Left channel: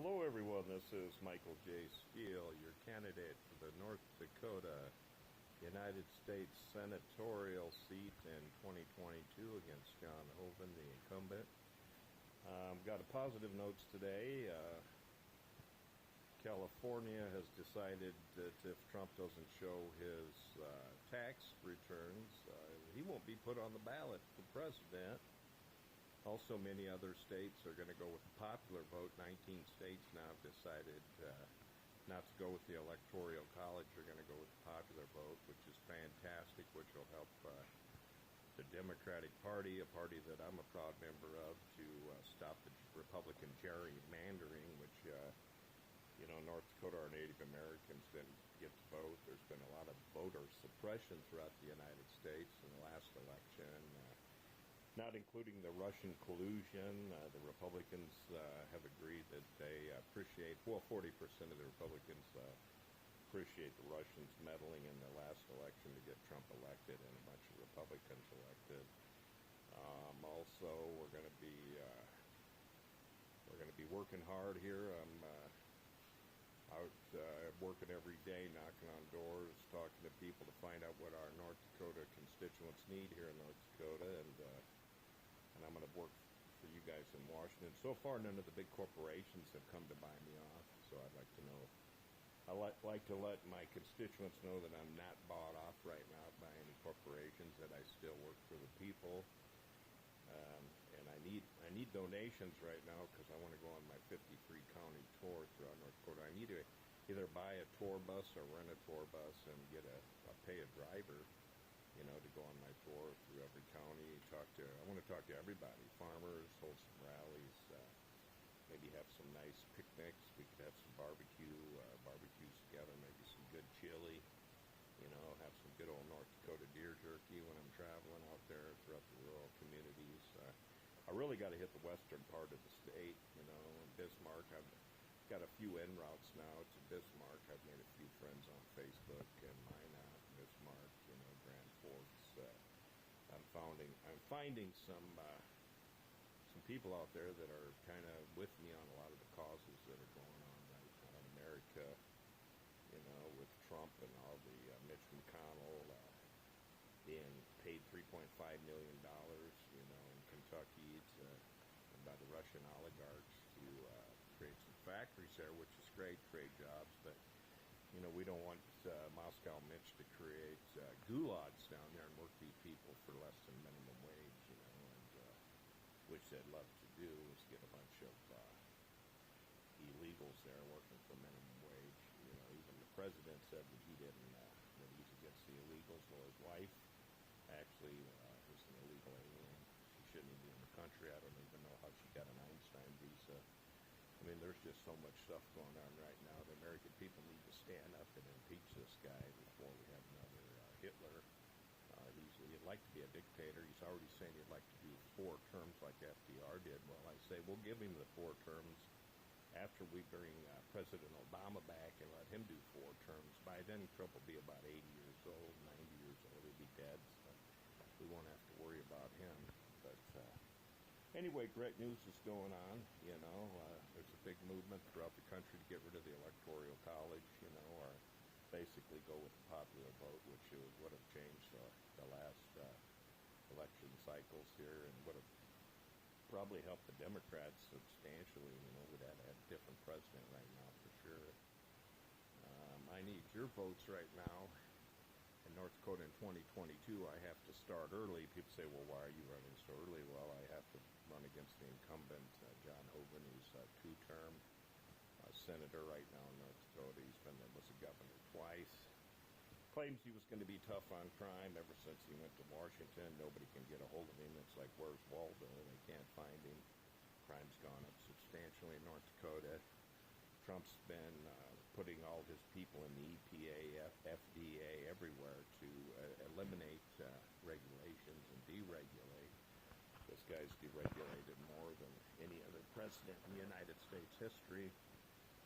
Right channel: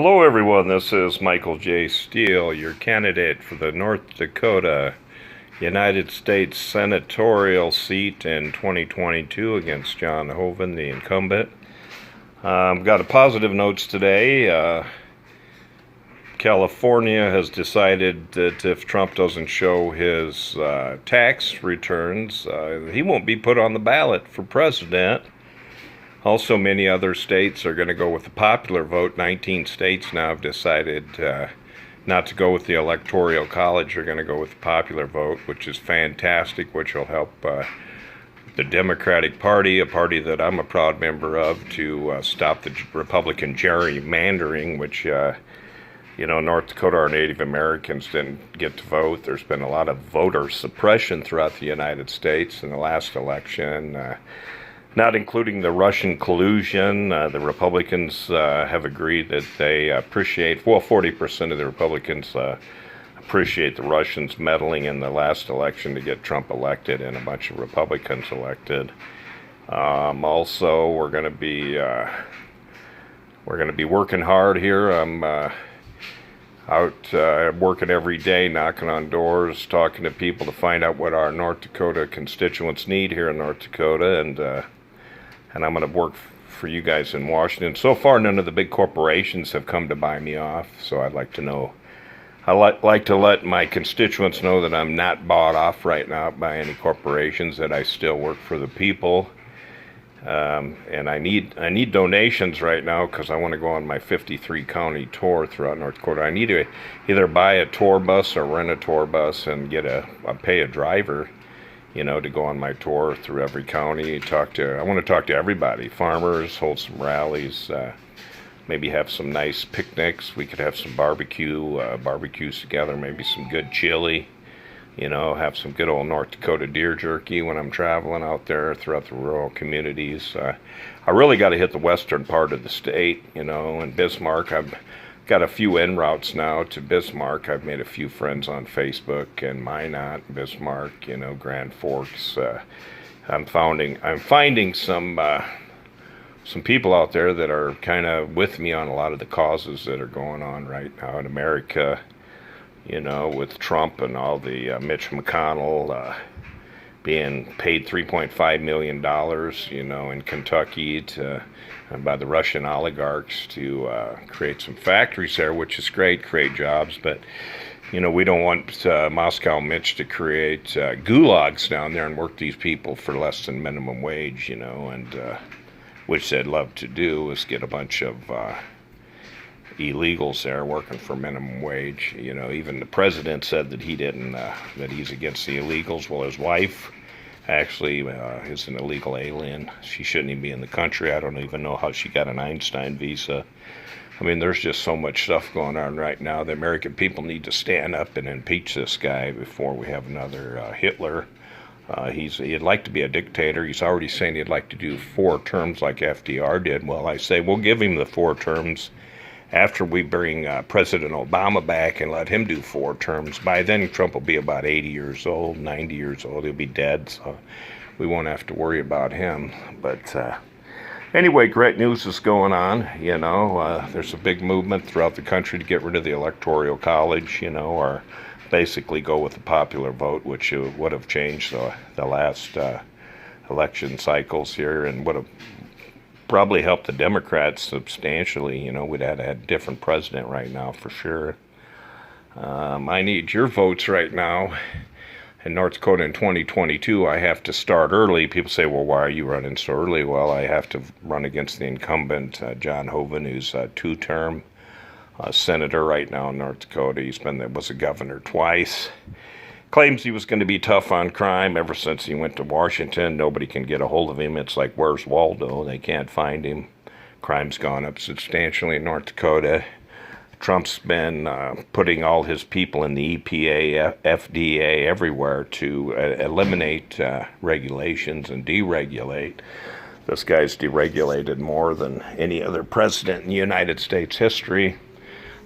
Hello everyone, this is Michael J. Steele, your candidate for the North Dakota United States senatorial seat in 2022 against John Hoeven, the incumbent. Got a positive notes today. California has decided that if Trump doesn't show his tax returns, he won't be put on the ballot for president. Also, many other states are going to go with the popular vote. 19 states now have decided not to go with the electoral college. They're going to go with the popular vote, which is fantastic, which will help the Democratic Party, a party that I'm a proud member of, to stop the Republican gerrymandering, which, North Dakota, our Native Americans didn't get to vote. There's been a lot of voter suppression throughout the United States in the last election. Not including the Russian collusion. The Republicans have agreed that they appreciate, 40% of the Republicans appreciate the Russians meddling in the last election to get Trump elected and a bunch of Republicans elected. Also, we're going to be working hard here. I'm out working every day, knocking on doors, talking to people to find out what our North Dakota constituents need here in North Dakota, and I'm going to work for you guys in Washington. So far, none of the big corporations have come to buy me off, so I'd like to know. Like to let my constituents know that I'm not bought off right now by any corporations, that I still work for the people. And I need donations right now because I want to go on my 53 county tour throughout North Dakota. I need to either buy a tour bus or rent a tour bus and pay a driver, to go on my tour through every county. I want to talk to everybody, farmers, hold some rallies, maybe have some nice picnics. We could have some barbecues together, maybe some good chili, have some good old North Dakota deer jerky when I'm traveling out there throughout the rural communities. I really got to hit the western part of the state, in Bismarck. I've got a few en routes now to Bismarck. I've made a few friends on Facebook and Minot, Bismarck, Grand Forks. I'm finding some people out there that are kind of with me on a lot of the causes that are going on right now in America, with Trump and all the Mitch McConnell being paid $3.5 million, in Kentucky by the Russian oligarchs to create some factories there, which is great, create jobs. But, we don't want Moscow Mitch to create gulags down there and work these people for less than minimum wage, and which they'd love to do is get a bunch of illegals there working for minimum wage. Even the president said that that he's against the illegals. Well, his wife actually is an illegal alien. She shouldn't even be in the country. I don't even know how she got an Einstein visa. I mean, there's just so much stuff going on right now. The American people need to stand up and impeach this guy before we have another Hitler. He'd like to be a dictator. He's already saying he'd like to do 4 terms like FDR did. Well, I say we'll give him the 4 terms after we bring President Obama back and let him do 4 terms. By then, Trump will be about 80 years old, 90 years old. He'll be dead, so we won't have to worry about him. But anyway, great news is going on. There's a big movement throughout the country to get rid of the electoral college, or basically go with the popular vote, which would have changed the last election cycles here and would have probably helped the Democrats substantially. We'd have had a different president right now for sure. I need your votes right now in North Dakota in 2022. I have to start early. People say, well, why are you running so early? Well, I have to run against the incumbent, John Hoeven, who's a 2-term senator right now in North Dakota. Was a governor twice. Claims he was going to be tough on crime. Ever since he went to Washington, nobody can get a hold of him. It's like, where's Waldo? They can't find him. Crime's gone up substantially in North Dakota. Trump's been putting all his people in the EPA, FDA, everywhere to eliminate regulations and deregulate. This guy's deregulated more than any other president in United States history.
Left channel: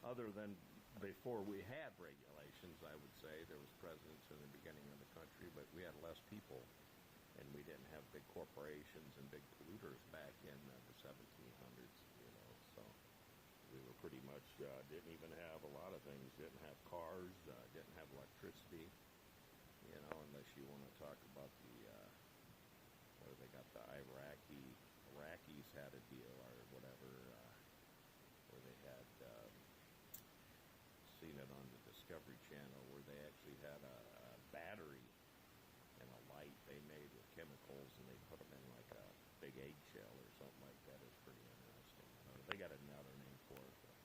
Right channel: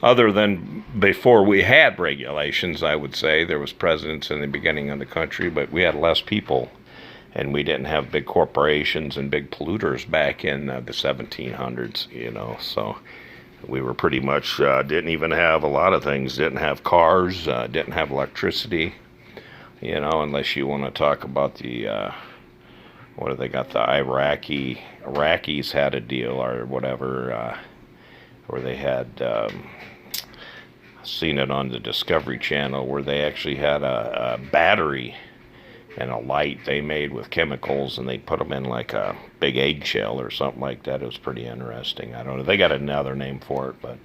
Other than before we had regulations, I would say. There was presidents in the beginning of the country, but we had less people and we didn't have big corporations and big polluters back in the 1700s, So We were pretty much didn't even have a lot of things. Didn't have cars. Didn't have electricity. You know, unless you want to talk about the what do they got? The Iraqis had a deal or whatever, where they had seen it on the Discovery Channel, where they actually had a battery and a light they made with chemicals, and they put them in like a big eggshell or something like that. It was pretty interesting. I don't know. They got another name for it, but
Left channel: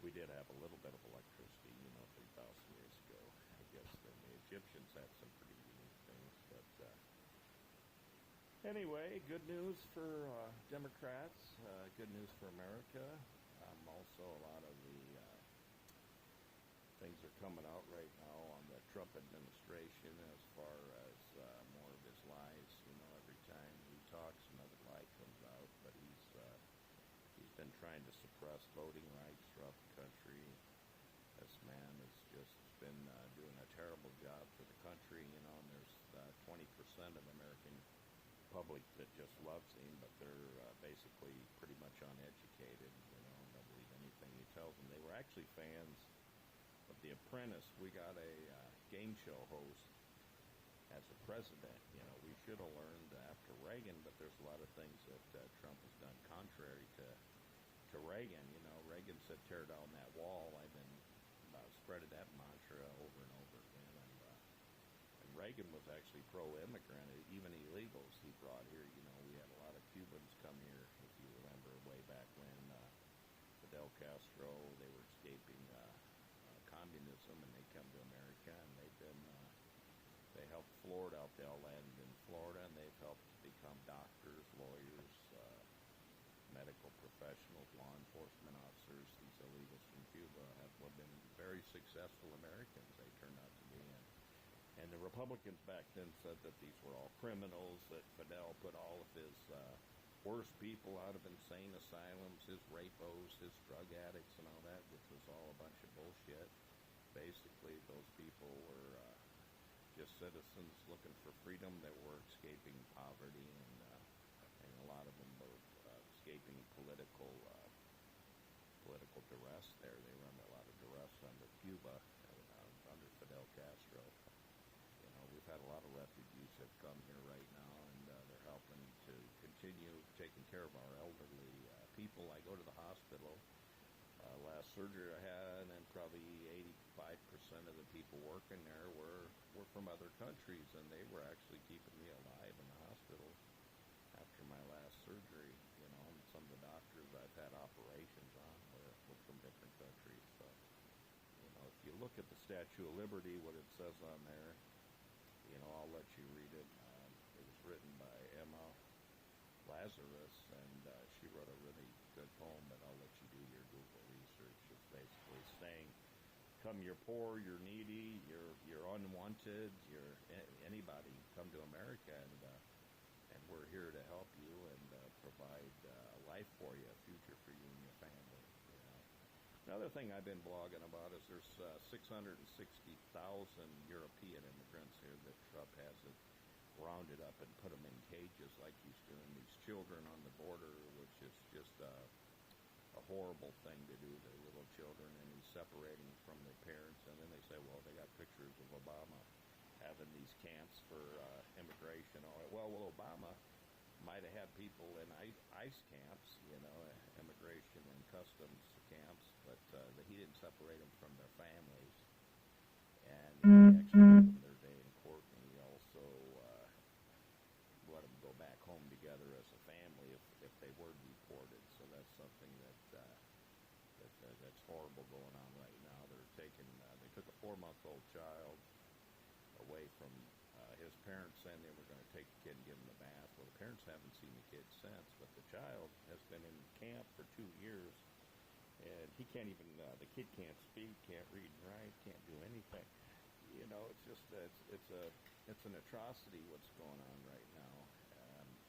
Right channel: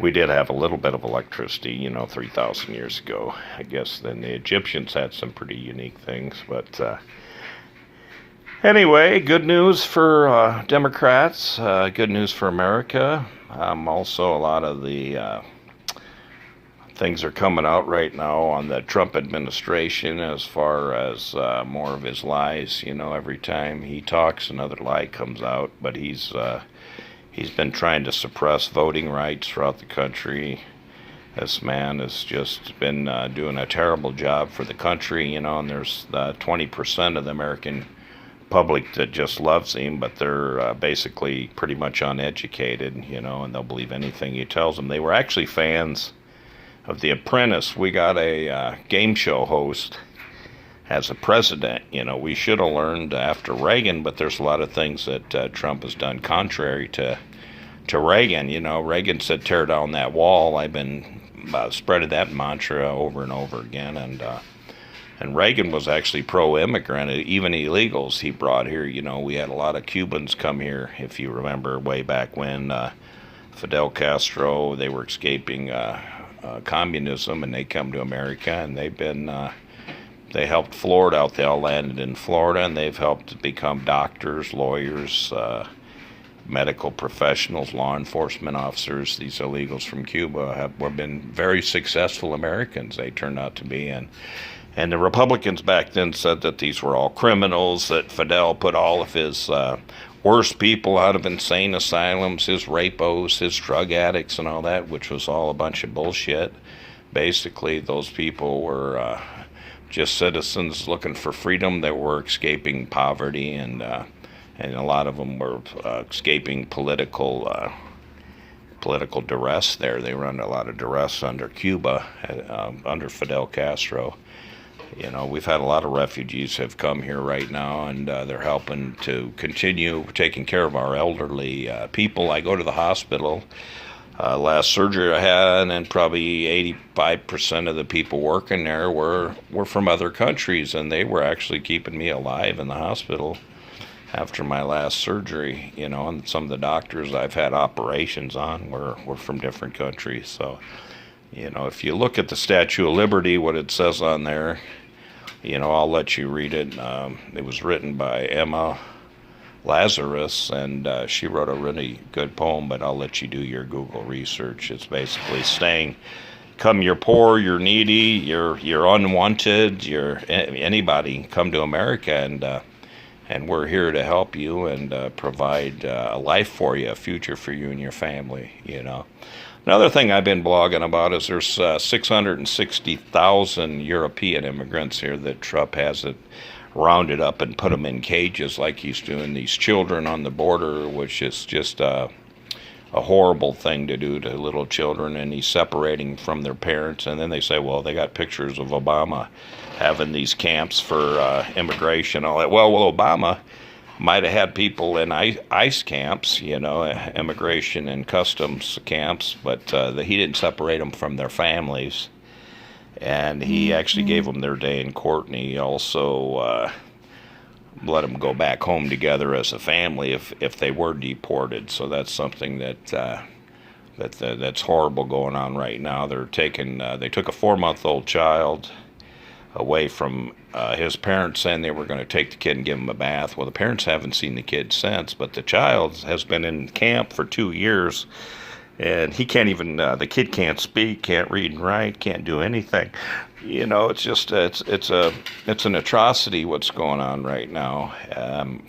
we did have a little bit of electricity, you know, 3,000 years ago. I guess then the Egyptians had some pretty unique things, but anyway, good news for Democrats, good news for America. Also, a lot of the things are coming out right now on the Trump administration as far as more of his lies. You know, every time he talks, another lie comes out. But he's been trying to suppress voting rights throughout the country. This man has just been doing a terrible job for the country. You know, and there's 20% of the American public that just loves him, but they're basically pretty much uneducated. You know, and they'll believe anything he tells them. They were actually fans of The Apprentice. We got a game show host as a president. You know, we should have learned after Reagan, but there's a lot of things that Trump has done contrary to Reagan. You know, Reagan said tear down that wall. I've been spreading that mantra over and over again, and Reagan was actually pro-immigrant, even illegals he brought here. You know, we had a lot of Cubans come here, if you remember, way back when Fidel Castro, they were escaping communism, and they come to America, and they helped Florida out. They all landed in Florida, and they've helped become doctors, lawyers, medical professionals, law enforcement officers. These illegals from Cuba have been very successful Americans, they turned out to be. And the Republicans back then said that these were all criminals, that Fidel put all of his worst people out of insane asylums, his rapos, his drug addicts and all that, which was all a bunch of bullshit. Basically, those people were just citizens looking for freedom that were escaping poverty, and a lot of them were escaping political duress there. They were under a lot of duress under Cuba, under Fidel Castro. You know, we've had a lot of refugees have come here right now, and they're helping to continue taking care of our elderly people. I go to the hospital. Last surgery I had, and probably 85% of the people working there were from other countries, and they were actually keeping me alive in the hospital after my last surgery. You know, and some of the doctors I've had operations on were from different countries. So, you know, if you look at the Statue of Liberty, what it says on there, you know, I'll let you read it. It was written by Emma Lazarus, and she wrote a really good poem, but I'll let you do your Google research. It's basically saying, come, you're poor, you're needy, you're unwanted, you're anybody, come to America, and we're here to help you and provide a life for you, a future for you and your family, you know. Another thing I've been blogging about is there's 660,000 European immigrants here that Trump has it rounded up and put them in cages like he's doing these children on the border, which is just a horrible thing to do to little children, and he's separating from their parents. And then they say, well, they got pictures of Obama having these camps for immigration, all that. Well, Obama might have had people in ICE camps, you know, immigration and customs camps, but he didn't separate them from their families. And he actually gave them their day in court, and he also let them go back home together as a family if they were deported. So that's something that's horrible going on right now. They took a 4-month-old child away from his parents, saying they were going to take the kid and give him a bath. Well, the parents haven't seen the kid since, but the child has been in camp for 2 years, and he can't even, the kid can't speak, can't read and write, can't do anything. You know, it's just, it's an atrocity what's going on right now,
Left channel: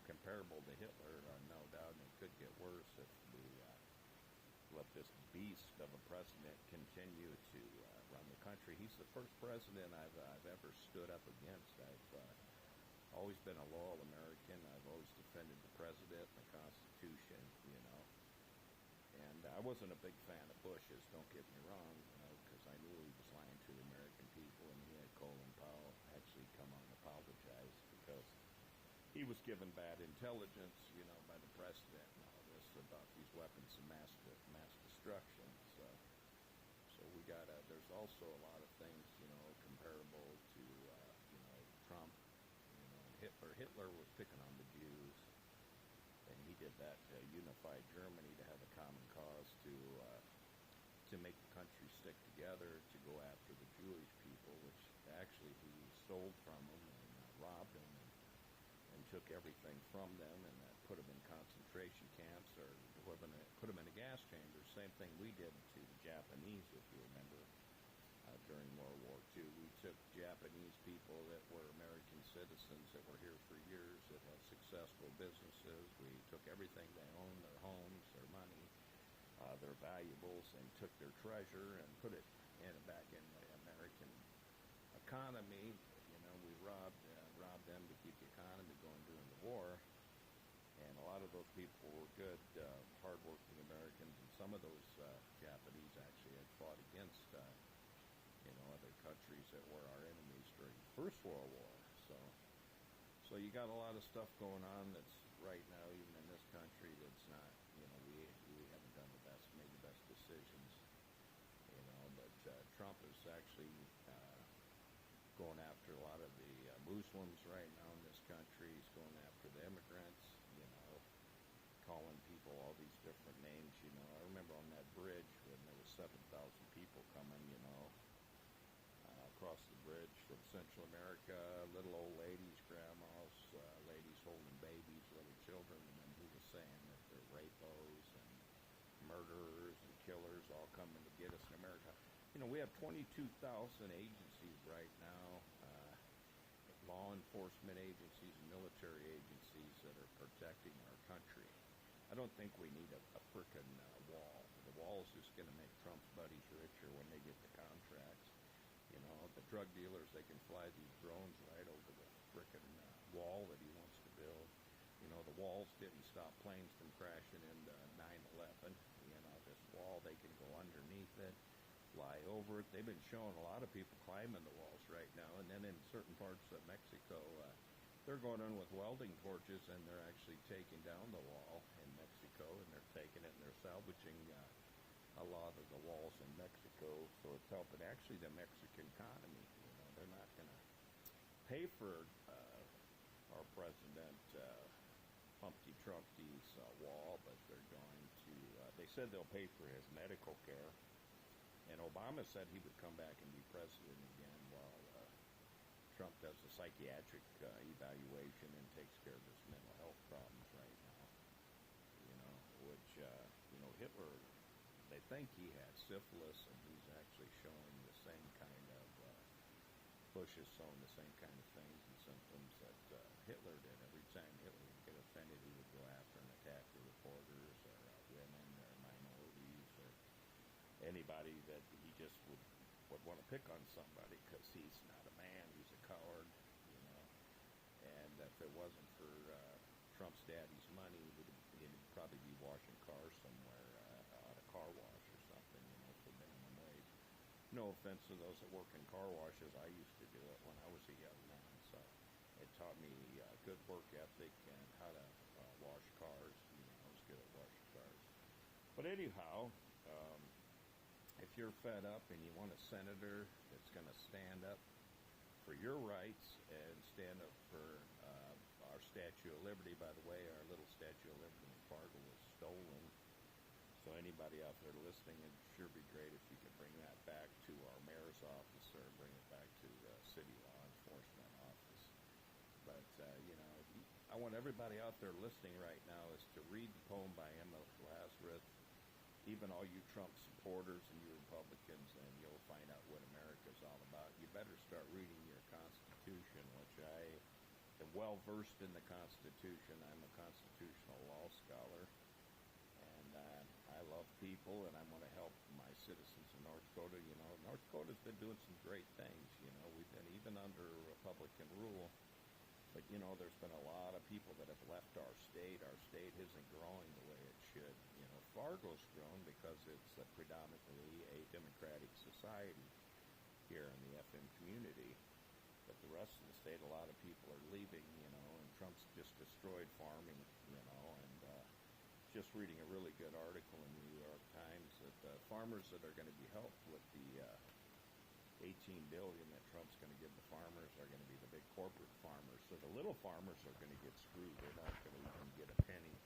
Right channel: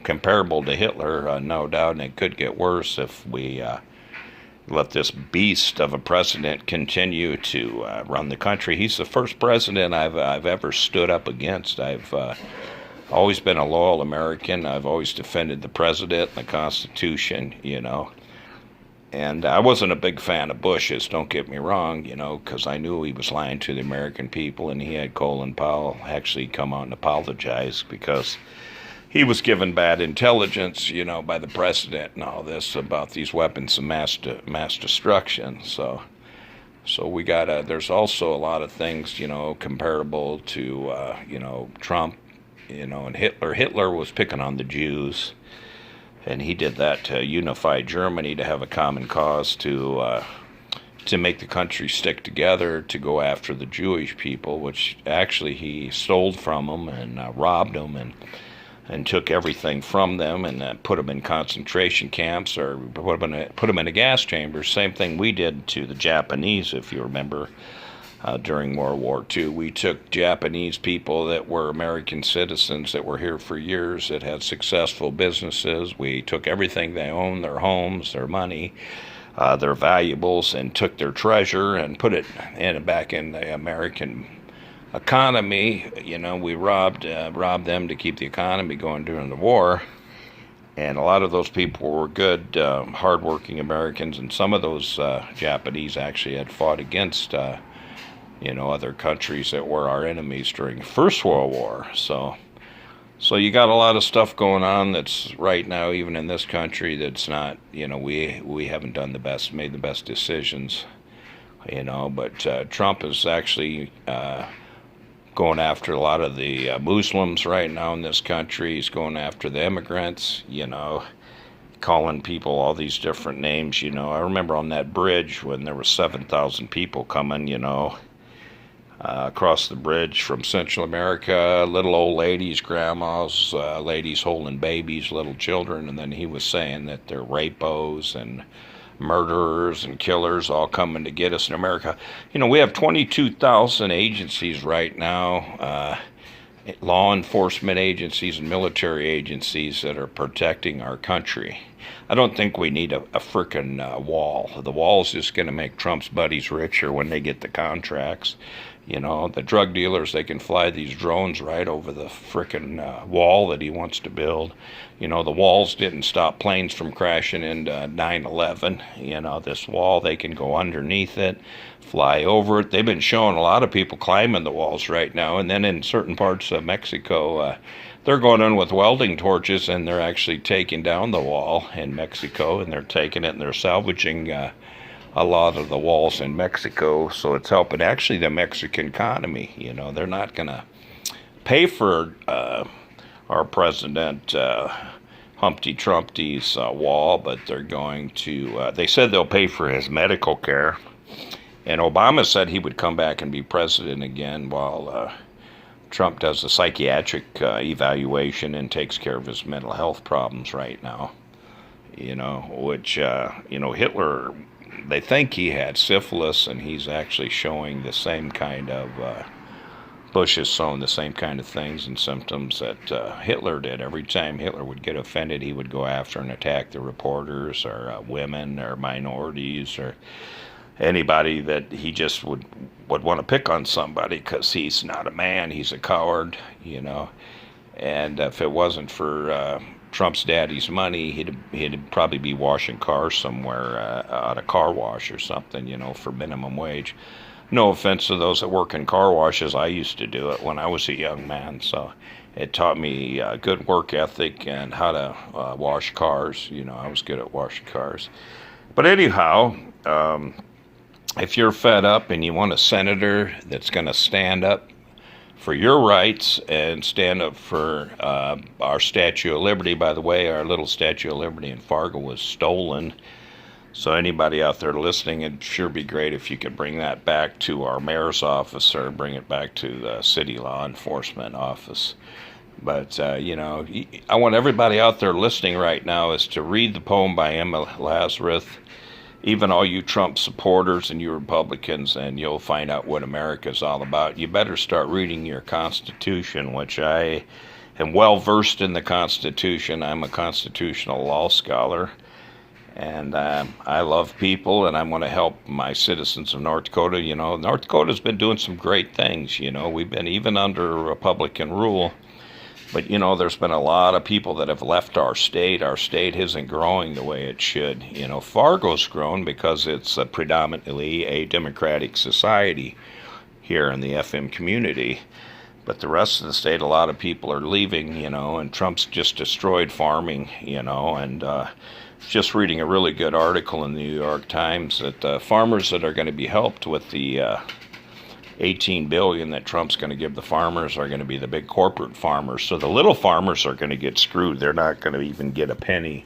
comparable to Hitler, no doubt, and it could get worse if we let this beast of a president continue to run the country. He's the first president I've ever stood up against. I've always been a loyal American. I've always defended the president and the Constitution, you know. And I wasn't a big fan of Bush's, don't get me wrong, because I knew he was lying to the American people, and he had Colin Powell actually come out and apologize because he was given bad intelligence, by the president and all this about these weapons of mass destruction. So we gotta. There's also a lot of things, comparable to, Trump, and Hitler. Hitler was picking on the Jews, and he did that to unify Germany, to have a common cause, to make the country stick together, to go after the Jewish people, which actually he stole from them and robbed them and took everything from them and put them in concentration camps or put them in a gas chamber. Same thing we did to the Japanese, if you remember. During World War II, we took Japanese people that were American citizens that were here for years, that had successful businesses. We took everything they owned, their homes, their money, their valuables, and took their treasure and put it back in the American economy. We robbed them to keep the economy going during the war. And a lot of those people were good, hardworking Americans, and some of those Japanese actually had fought against other countries that were our enemies during the First World War. So you got a lot of stuff going on that's right now, even in this country, that's not, we haven't made the best decisions, but Trump is actually going after a lot of the Muslims right now in this country. He's going after the immigrants, calling people all these different names. I remember on that bridge when there were 7,000 people coming, across the bridge from Central America, little old ladies, grandmas, ladies holding babies, little children, and then he was saying that they're rapos and murderers and killers all coming to get us in America. We have 22,000 agencies right now, law enforcement agencies and military agencies that are protecting our country. I don't think we need a frickin' wall. The wall's just going to make Trump's buddies richer when they get the contracts. The drug dealers, they can fly these drones right over the frickin' wall that he wants to build. The walls didn't stop planes from crashing into 9/11. This wall, they can go underneath it, fly over it. They've been showing a lot of people climbing the walls right now. And then in certain parts of Mexico, they're going in with welding torches, and they're actually taking down the wall in Mexico, and they're taking it and they're salvaging a lot of the walls in Mexico. So it's helping actually the Mexican economy. They're not going to pay for our president Humpty Trumpty's wall, but they're going to, they said they'll pay for his medical care. And Obama said he would come back and be president again while Trump does a psychiatric evaluation and takes care of his mental health problems right now. Which, Hitler, they think he had syphilis, and he's actually showing the same kind of, Bush is showing the same kind of things and symptoms that Hitler did. Every time Hitler would get offended, he would go after and attack the reporters or women or minorities or anybody that he just would want to pick on somebody because he's not a man, he's a coward, And if it wasn't for Trump's daddy's money, he'd probably be washing cars somewhere at a car wash or something, for minimum wage. No offense to those that work in car washes. I used to do it when I was a young man, so it taught me good work ethic and how to wash cars. I was good at washing cars. But anyhow, if you're fed up and you want a senator that's going to stand up for your rights and stand up for our Statue of Liberty. By the way, our little Statue of Liberty in Fargo was stolen. So anybody out there listening, it'd sure be great if you could bring that back to our mayor's office or bring it back to the city law enforcement office. But, I want everybody out there listening right now is to read the poem by Emma Lazarus, even all you Trump supporters and you Republicans, and you'll find out what America's all about. You better start reading your Constitution, which I am well versed in the Constitution. I'm a constitutional law scholar. And I love people, and I want to help my citizens of North Dakota. North Dakota's been doing some great things. We've been, even under Republican rule, But you know, there's been a lot of people that have left our state. Our state isn't growing the way it should. You know, Fargo's grown because it's predominantly a democratic society here in the FM community. But the rest of the state, a lot of people are leaving, you know, and Trump's just destroyed farming, you know, and just reading a really good article in the New York Times that farmers that are going to be helped with the 18 billion that Trump's going to give the farmers are going to be the big corporate farmers. So the little farmers are going to get screwed. They're not going to even get a penny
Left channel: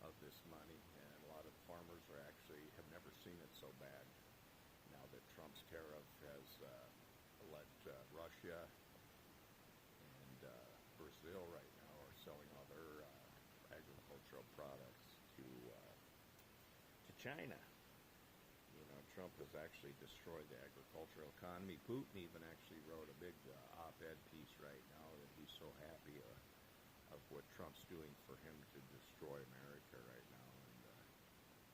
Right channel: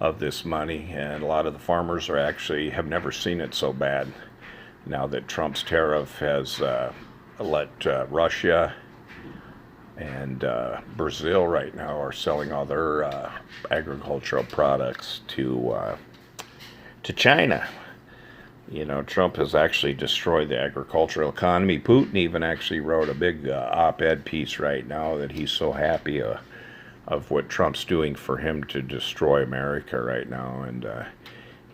of this money, and a lot of the farmers are actually have never seen it so bad now that Trump's tariff has let Russia and Brazil right now are selling all their agricultural products to China. You know, Trump has actually destroyed the agricultural economy. Putin even actually wrote a big op-ed piece right now that he's so happy of what Trump's doing for him to destroy America right now. And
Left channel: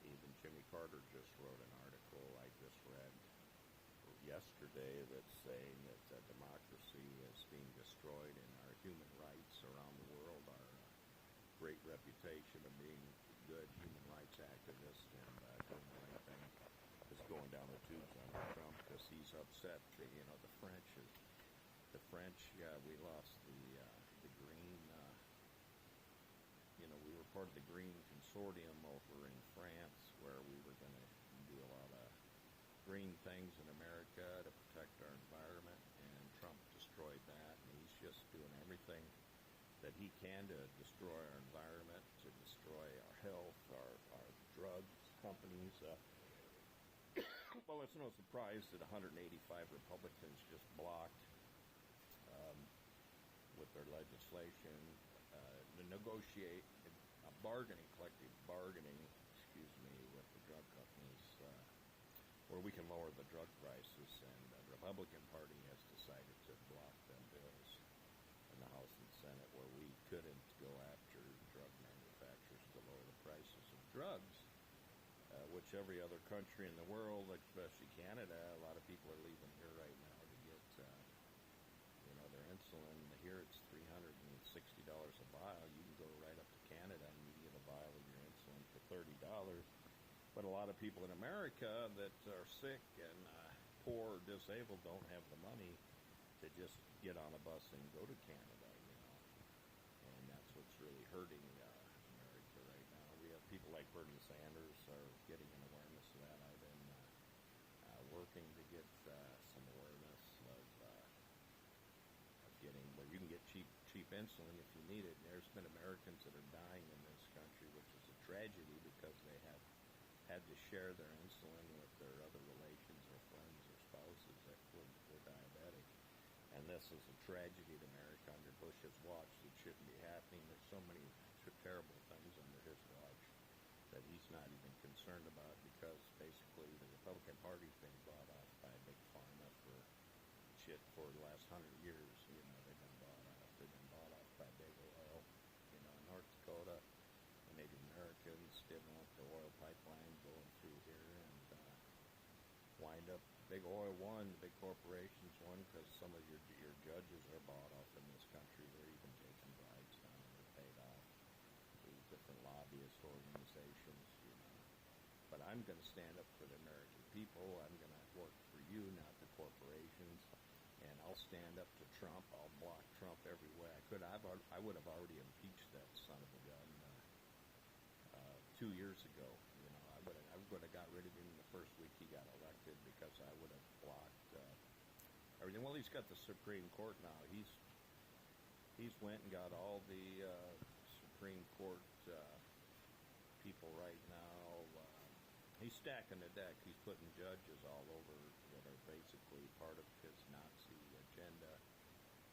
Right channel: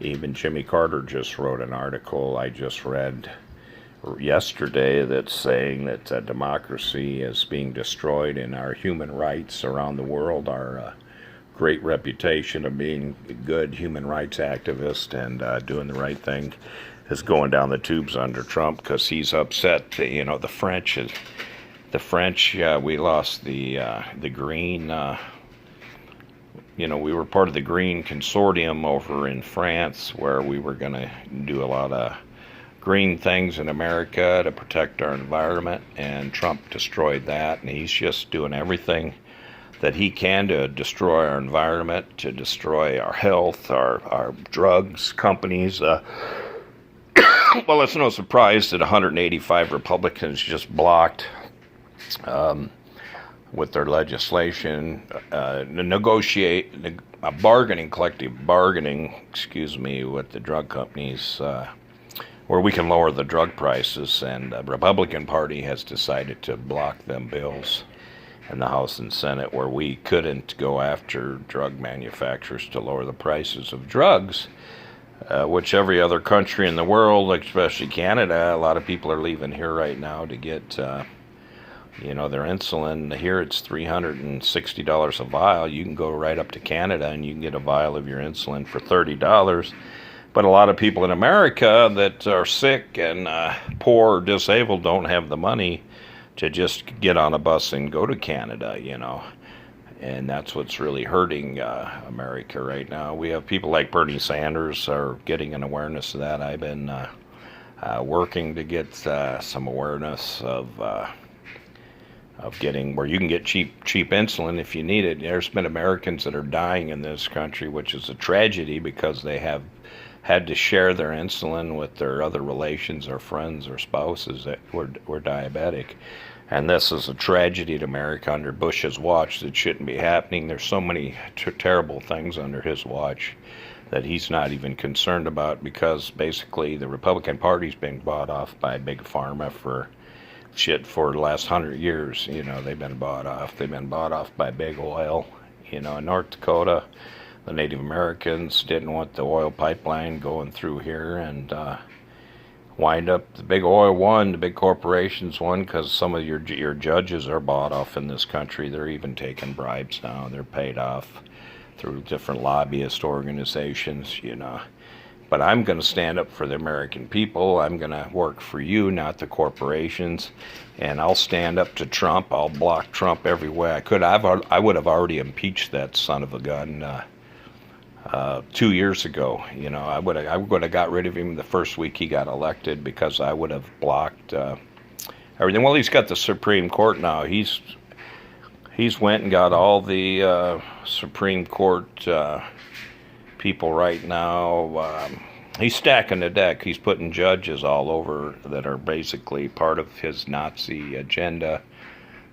even Jimmy Carter just wrote an article I just read yesterday that's saying that democracy is being destroyed and our human rights around the world, our great reputation of being a good human rights activist and doing the right thing, is going down the tubes under Trump because he's upset that, you know, the French, we lost the green, you know, we were part of the green consortium over in France where we were going to do a lot of green things in America to protect our environment, and Trump destroyed that, and he's just doing everything that he can to destroy our environment, to destroy our health, our drugs companies. Well, it's no surprise that 185 Republicans just blocked with their legislation collective bargaining, with the drug companies, where we can lower the drug prices, and the Republican Party has decided to block them bills in the House and Senate where we couldn't go after drug manufacturers to lower the prices of drugs, which every other country in the world, especially Canada, a lot of people are leaving here right now to get their insulin. Here it's $360 a vial. You can go right up to Canada and you can get a vial of your insulin for $30. But a lot of people in America that are sick and poor or disabled don't have the money to just get on a bus and go to Canada, you know. And that's what's really hurting America right now. We have people like Bernie Sanders are getting an awareness of that. I've been working to get some awareness of getting where you can get cheap insulin if you need it. There's been Americans that are dying in this country, which is a tragedy because they have had to share their insulin with their other relations or friends or spouses that were diabetic. And this is a tragedy to America under Bush's watch that shouldn't be happening. There's so many terrible things under his watch that he's not even concerned about, because basically the Republican Party's being bought off by Big Pharma for the last 100 years. You know, they've been bought off. They've been bought off by big oil. You know, in North Dakota, the Native Americans didn't want the oil pipeline going through here, and wind up the big oil won, the big corporations won, because some of your judges are bought off in this country. They're even taking bribes now. They're paid off through different lobbyist organizations, you know. But I'm going to stand up for the American people. I'm going to work for you, not the corporations. And I'll stand up to Trump. I'll block Trump every way I could. I would have already impeached that son of a gun 2 years ago. You know, I would have got rid of him the first week he got elected, because I would have blocked everything. Well, he's got the Supreme Court now. He's went and got all the Supreme Court people right now. He's stacking the deck. He's putting judges all over that are basically part of his Nazi agenda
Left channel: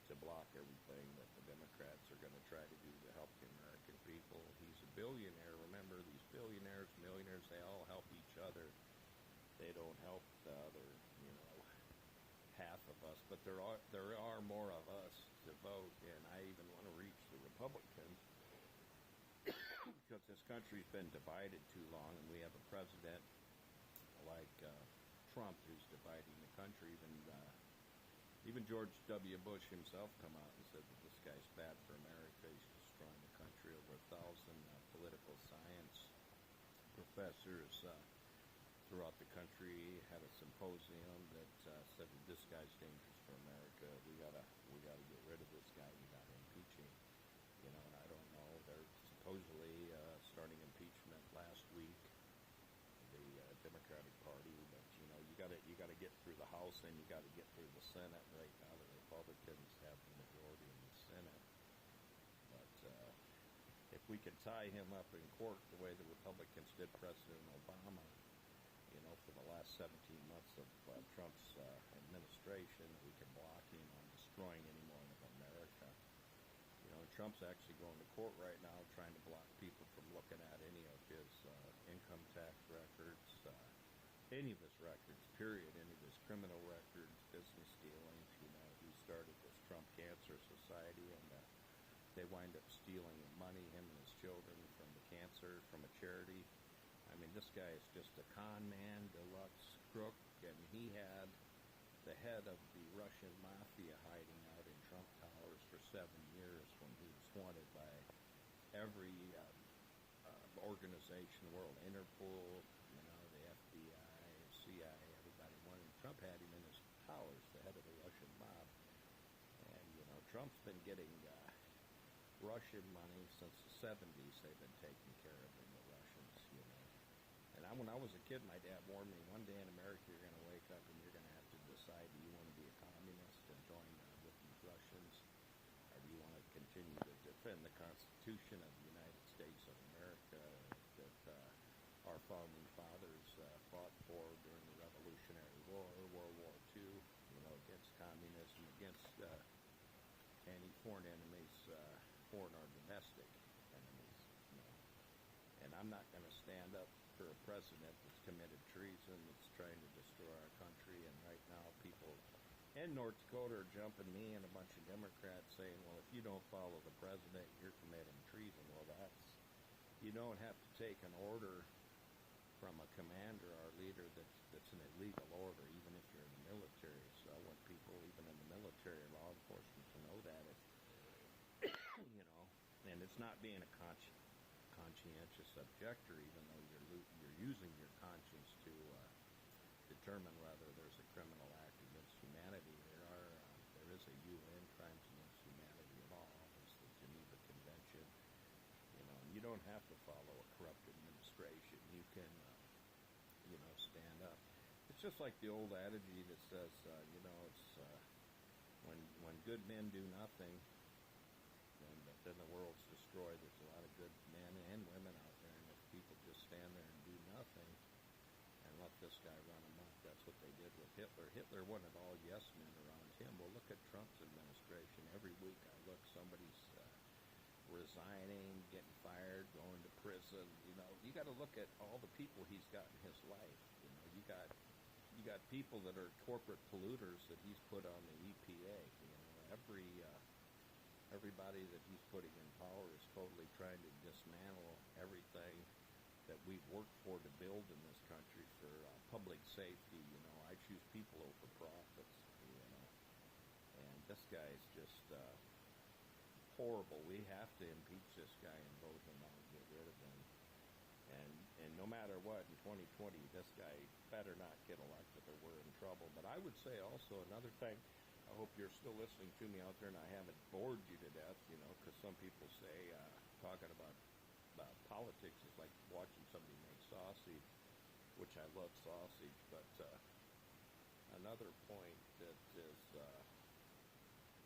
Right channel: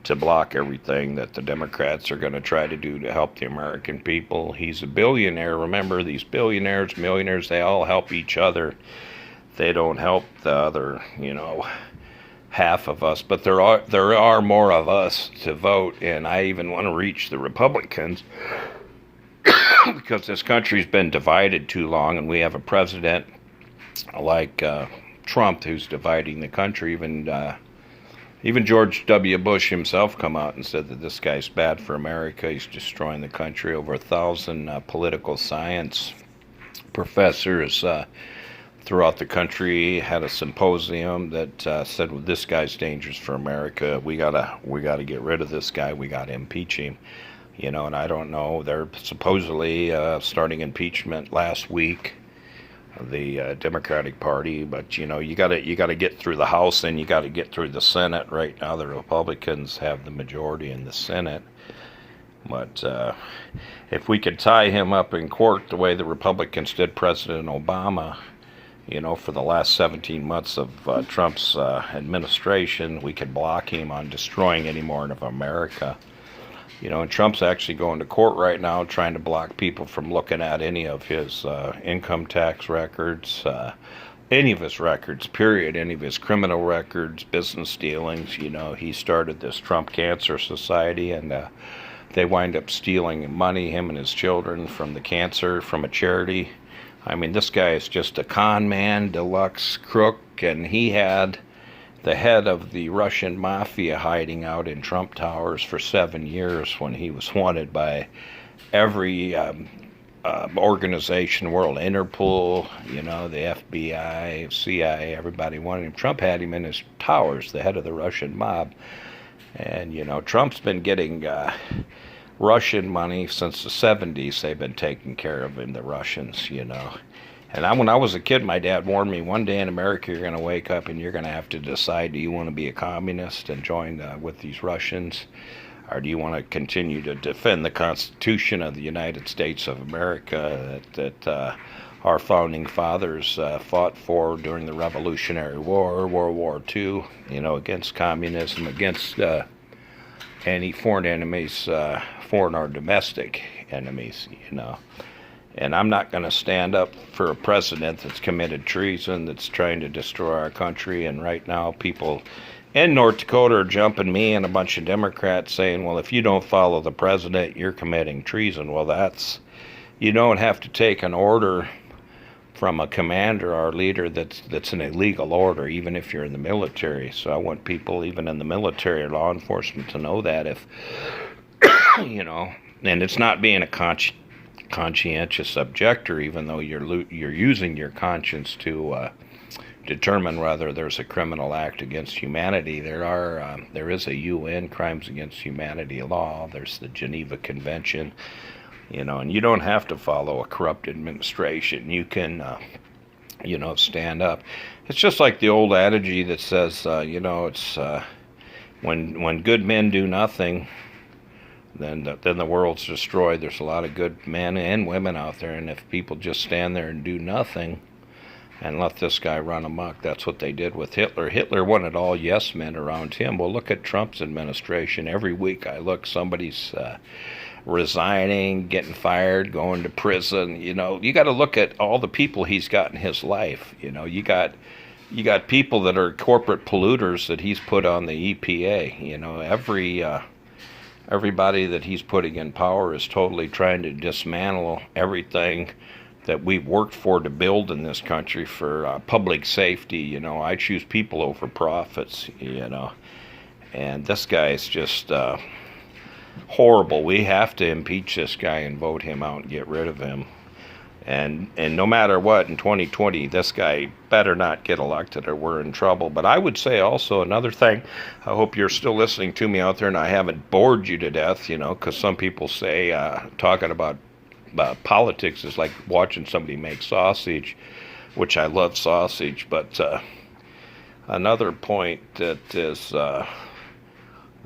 to block everything that the Democrats are going to try to do to help the American people. He's a billionaire. Remember, these billionaires, millionaires, they all help each other. They don't help the other, you know, half of us. But there are more of us to vote, and I even want to reach the Republicans because this country's been divided too long, and we have a president like Trump who's dividing the country. Even Even George W. Bush himself come out and said that this guy's bad for America. He's destroying the country. Over 1,000 political science professors throughout the country had a symposium that said, well, this guy's dangerous for America. We gotta get rid of this guy. We gotta impeach him. And I don't know. They're supposedly starting impeachment last week, the Democratic Party, but you gotta get through the House, and you gotta get through the Senate. Right now, the Republicans have the majority in the Senate, but if we could tie him up in court the way the Republicans did President Obama, for the last 17 months of Trump's administration, we could block him on destroying any more of America. And Trump's actually going to court right now trying to block people from looking at any of his income tax records, any of his records, period, any of his criminal records, business dealings. He started this Trump Cancer Society, and they wind up stealing money, him and his children, from the cancer, from a charity. I mean, this guy is just a con man, deluxe crook, and he had the head of the Russian mafia hiding out in Trump Towers for 7 years when he was wanted by every organization, world, Interpol, the FBI, CIA, everybody wanted him. Trump had him in his towers, the head of the Russian mob. And, Trump's been getting Russian money since the 70s. They've been taking care of him, the Russians. And when I was a kid, my dad warned me, one day in America you're going to wake up and you're going to have to decide, do you want to be a communist and join with these Russians, or do you want to continue to defend the Constitution of the United States of America that our founding fathers fought for during the Revolutionary War, World War II, against communism, against any foreign enemies, foreign or domestic enemies, And I'm not going to stand up for a president that's committed treason, that's trying to destroy our country. And right now, people in North Dakota are jumping me and a bunch of Democrats saying, well, if you don't follow the president, you're committing treason. Well, you don't have to take an order from a commander or leader that's an illegal order, even if you're in the military. So I want people, even in the military or law enforcement, to know that if, and it's not being a conscientious objector, even though you're using your conscience to determine whether there's a criminal act against humanity. There is a UN Crimes Against Humanity law. There's the Geneva Convention, and you don't have to follow a corrupt administration. You can stand up. It's just like the old adage that says it's when good men do nothing, then the world's destroyed. There's a lot of good men and women out there, and if people just stand there and do nothing and let this guy run amok, that's what they did with Hitler. Hitler wanted all yes men around him. Well, look at Trump's administration. Every week I look, somebody's resigning, getting fired, going to prison. You got to look at all the people he's got in his life. You got people that are corporate polluters that he's put on the EPA. Everybody that he's putting in power is totally trying to dismantle everything that we've worked for to build in this country for public safety. I choose people over profits, and this guy is just horrible. We have to impeach this guy and vote him out and get rid of him. And no matter what, in 2020, this guy better not get elected or we're in trouble. But I would say also another thing, I hope you're still listening to me out there and I haven't bored you to death, because some people say talking about politics is like watching somebody make sausage, which I love sausage. But another point that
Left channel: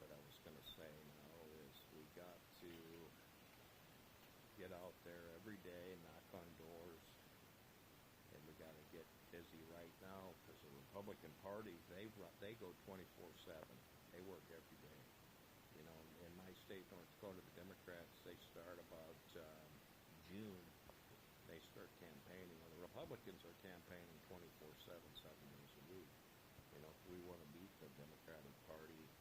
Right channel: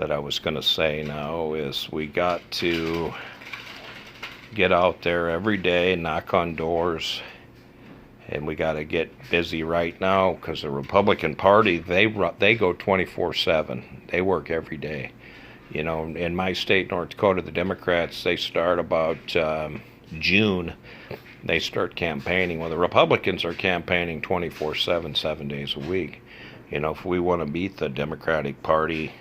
I was going to say now is we got to get out there every day, knock on doors, and we got to get busy right now because the Republican Party, they go 24/7. They work every day. In my state, North Dakota, the Democrats, they start about June. They start campaigning. Well, the Republicans are campaigning 24/7, 7 days a week. If we want to beat the Democratic Party,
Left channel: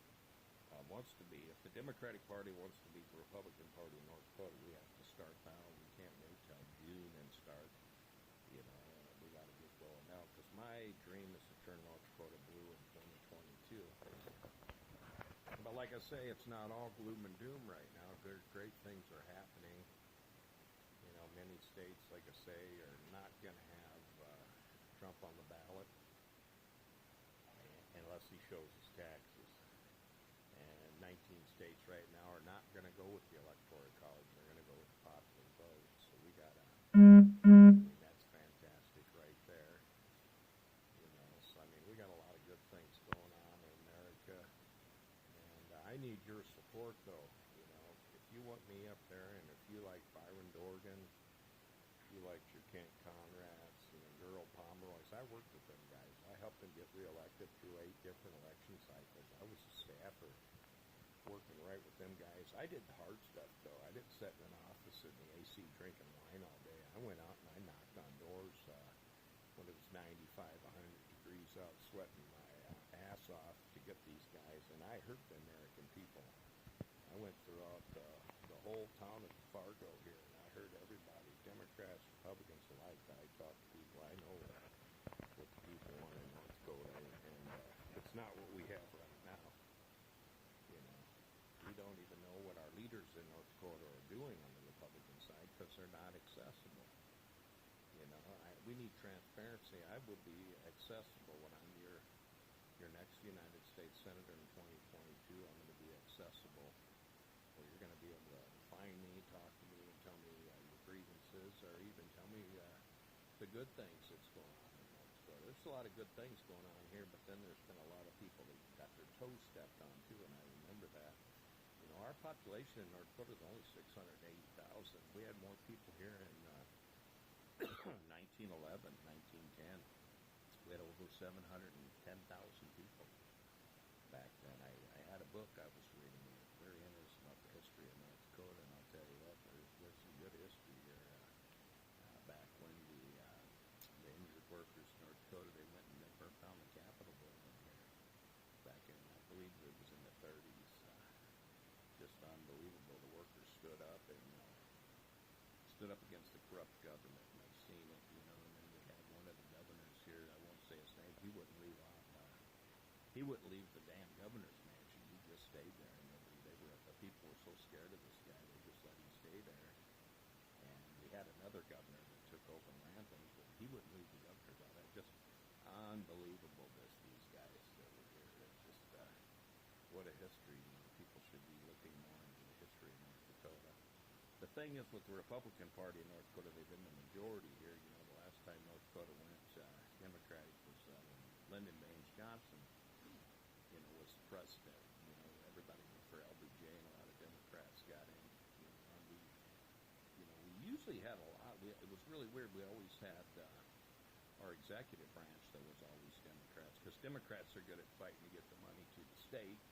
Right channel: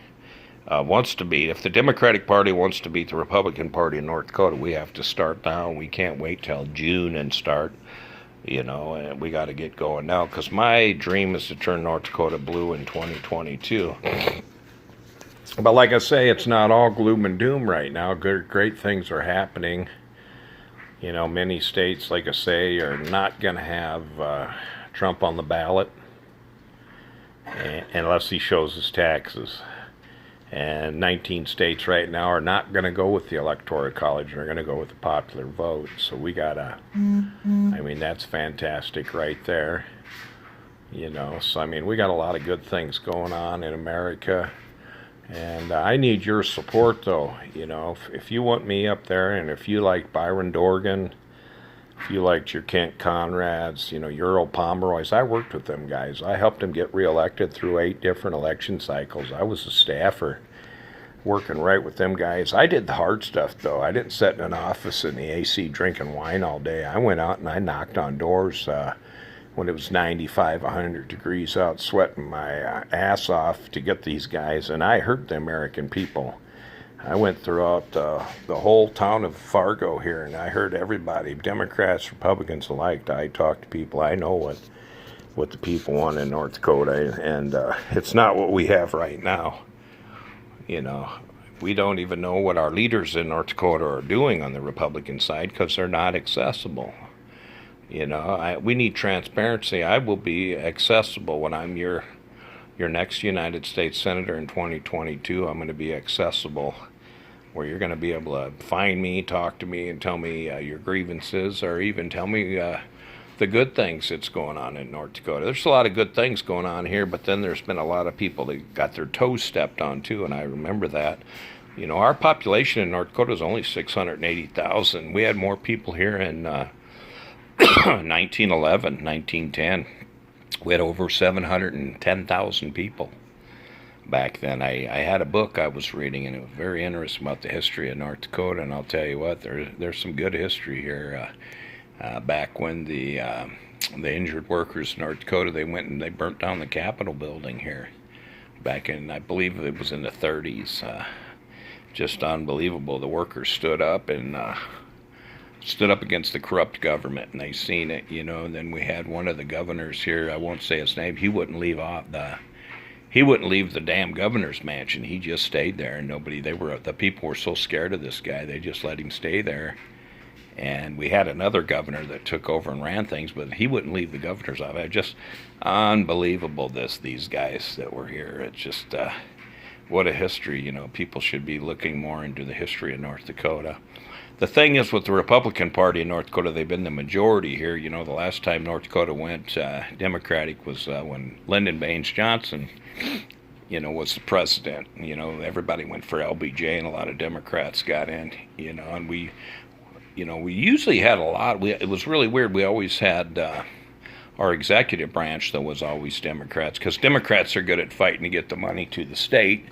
if the Democratic Party wants to beat the Republican Party in North Dakota, we have to start now. We can't wait till June and start, and we got to get going now, because my dream is to turn North Dakota blue in 2022. But like I say, it's not all gloom and doom right now. Good, great things are happening. You know, many states, like I say, are not going to have Trump on the ballot unless he shows his taxes. And 19 states right now are not going to go with the Electoral College. They're going to go with the popular vote. So we got to, I mean, that's fantastic right there. You know, so I mean, we got a lot of good things going on in America. And I need your support, though. You know, if you want me up there, and if you like Byron Dorgan, if you liked your Kent Conrads, you know, your Earl Pomeroys, I worked with them guys. I helped them get reelected through 8 different election cycles. I was a staffer working right with them guys. I did the hard stuff, though. I didn't sit in an office in the AC drinking wine all day. I went out and I knocked on doors when it was 95, 100 degrees out, sweating my ass off to get these guys, and I heard the American people. I went throughout the whole town of Fargo here, and I heard everybody, Democrats, Republicans alike. I talked to people. I know what the people want in North Dakota, and it's not what we have right now. You know, we don't even know what our leaders in North Dakota are doing on the Republican side because they're not accessible. You know, we need transparency. I will be accessible when I'm your next United States Senator in 2022. I'm going to be accessible, where you're going to be able to find me, talk to me, and tell me your grievances, or even tell me the good things that's going on in North Dakota. There's a lot of good things going on here, but then there's been a lot of people that got their toes stepped on too, and I remember that. You know, our population in North Dakota is only 680,000. We had more people here in 1911, 1910. We had over 710,000 people back then. I had a book I was reading, and it was very interesting about the history of North Dakota, and I'll tell you what, there's some good history here. Back when the injured workers in North Dakota, they went and they burnt down the Capitol building here back in, I believe it was in the 30s. Just unbelievable. The workers stood up and stood up against the corrupt government, and they seen it, you know. And then we had one of the governors here, I won't say his name, he wouldn't leave the damn governor's mansion. He just stayed there, and the people were so scared of this guy, they just let him stay there. And we had another governor that took over and ran things, but he wouldn't leave the governor's office. Just unbelievable, these guys that were here. It's just what a history. You know, people should be looking more into the history of North Dakota. The thing is, with the Republican Party in North Dakota, they've been the majority here. You know, the last time North Dakota went Democratic was when Lyndon Baines Johnson, you know, was the president. You know, everybody went for LBJ, and a lot of Democrats got in. You know, and we usually had a lot. It was really weird. We always had our executive branch that was always Democrats, because Democrats are good at fighting to get the money to the state.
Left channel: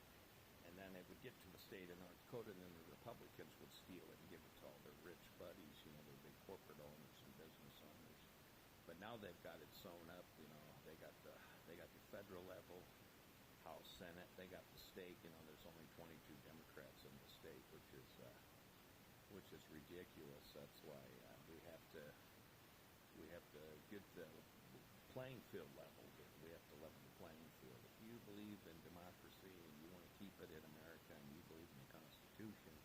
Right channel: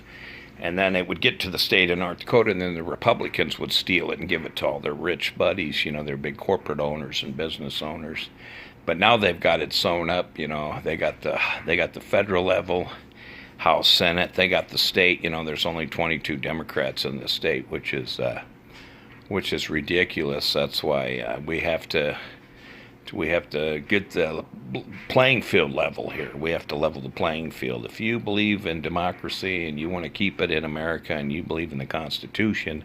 And then it would get to the state of North Dakota, and then the Republicans would steal it and give it to all their rich buddies, you know, their big corporate owners and business owners. But now they've got it sewn up, you know. They got the federal level, House, Senate. They got the state. You know, there's only 22 Democrats in the state, which is ridiculous. That's why we have to get the playing field level here. We have to level the playing field. If you believe in democracy and you want to keep it in America, and you believe in the Constitution,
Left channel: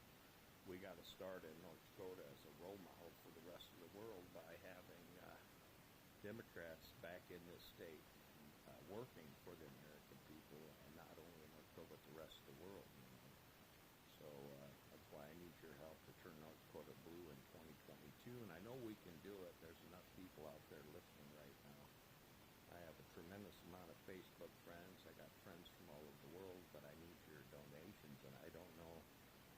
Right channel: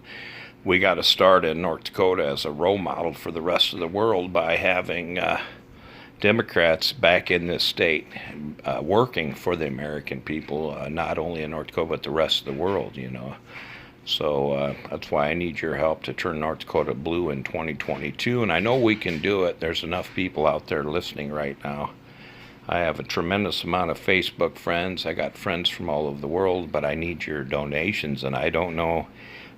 we got to start in North Dakota as a role model for the rest of the world by having Democrats back in this state working for the American people, not only in North Dakota but the rest of the world, you know. So that's why I need your help to turn North Dakota blue in 2022, and I know we can do it. There's enough people out there listening right now. I have a tremendous amount of Facebook friends. I got friends from all over the world, but I need your donations, and I don't know.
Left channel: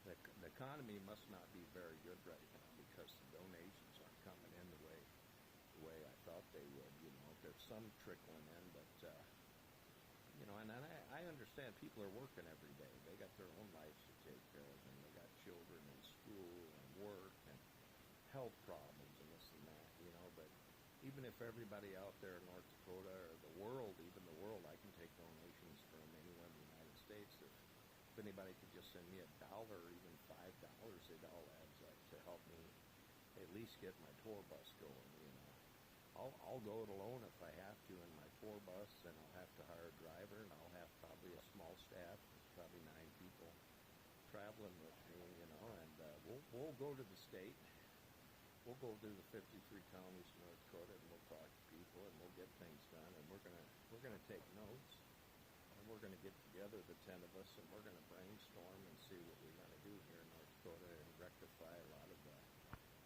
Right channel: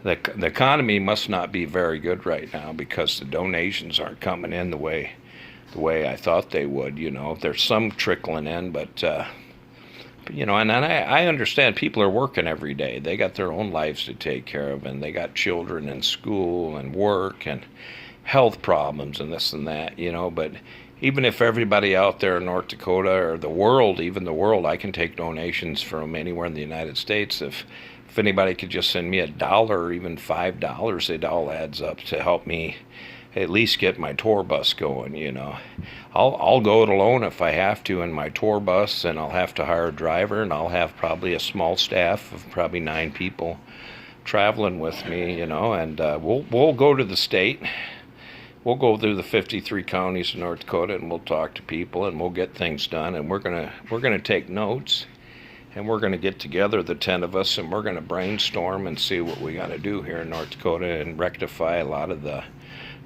The economy must not be very good right now, because the donations aren't coming in the way I thought they would. You know, there's some trickling in, but you know, and I understand people are working every day. They got their own lives to take care of, and they got children in school and work and health problems and this and that, you know. But even if everybody out there in North Dakota, or the world, even the world, I can take donations from anywhere in the United States. If anybody could just send me $1 or even $5, it all adds up to help me at least get my tour bus going, you know. I'll go it alone if I have to in my tour bus, and I'll have to hire a driver, and I'll have probably a small staff of probably 9 people traveling with me, you know, and we'll go to the state. We'll go through the 53 counties of North Dakota, and we'll talk to people, and we'll get things done, and we're gonna take notes, and we're gonna get together, the 10 of us, and we're gonna brainstorm and see what we got to do here in North Dakota and rectify a lot of the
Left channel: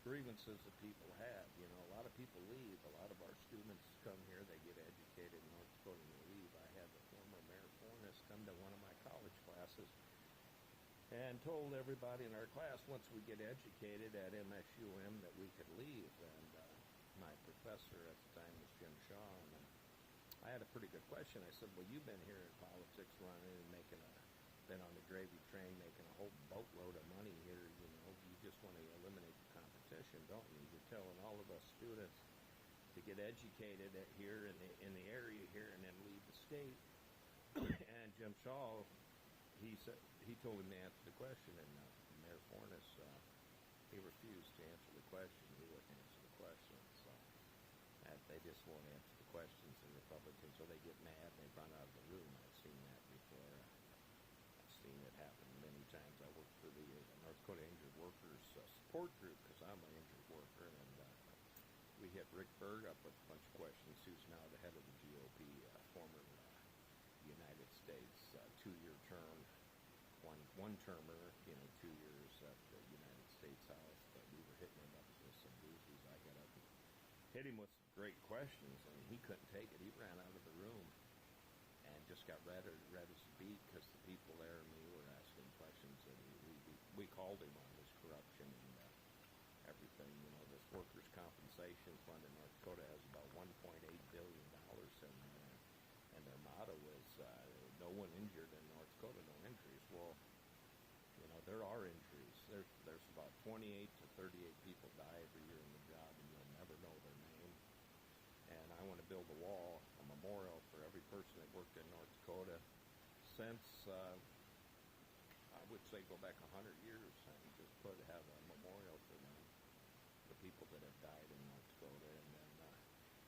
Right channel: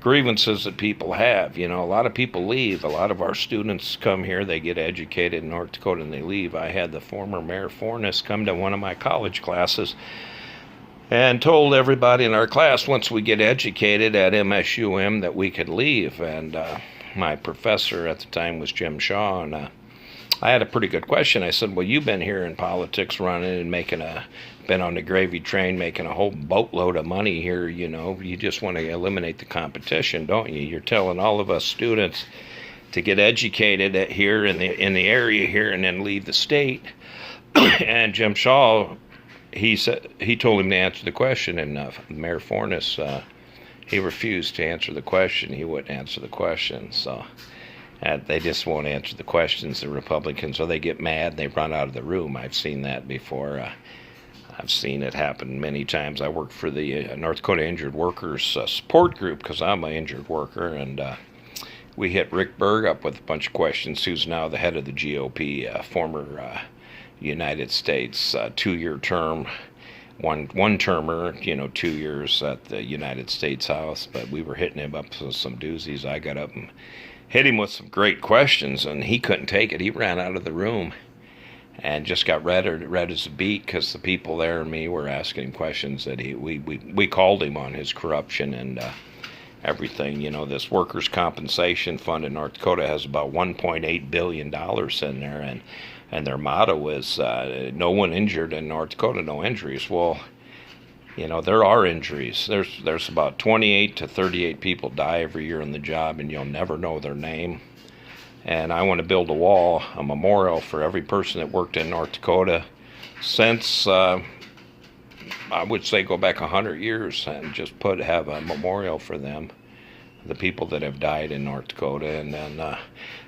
grievances that people have. You know, a lot of people leave. A lot of our students come here, they get educated in North Dakota, and they leave. I had the former Mayor Fornes come to one of my college classes and told everybody in our class once we get educated at MSUM that we could leave. And my professor at the time was Jim Shaw, and I had a pretty good question. I said, well, you've been here in politics running and been on the gravy train making a whole boatload of money here, you know. You just want to eliminate the competition, don't you? You're telling all of us students to get educated here in the area here and then leave the state. And Jim Shaw, he told him to answer the question, and Mayor Fornes, he refused to answer the question. He wouldn't answer the question, so they just won't answer the questions, the Republicans, or they get mad and they run out of the room. I've seen that before. I've seen it happen many times. I worked for the North Dakota Injured Workers Support Group because I'm an injured worker, and we hit Rick Berg up with a bunch of questions, who's now the head of the GOP, former United States 2-year term, one-termer, you know, 2 years at the United States House. But we were hitting him up with some doozies. I got up and hit him with some great questions, and he couldn't take it. He ran out of the room and just got red as a beet because the people there and me were asking him questions that we called him on his corruption and everything. You know, this workers' compensation fund in North Dakota has about $1.8 billion in there, and their motto is no one injured in North Dakota, no injuries. Well, you know, there are injuries. There's about 28 to 38 people die every year on the job, and you'll never know their name. And I want to build a wall, a memorial for every person that worked in North Dakota since, I would say, go back 100 years, and just have a memorial for them, the people that have died in North Dakota, and then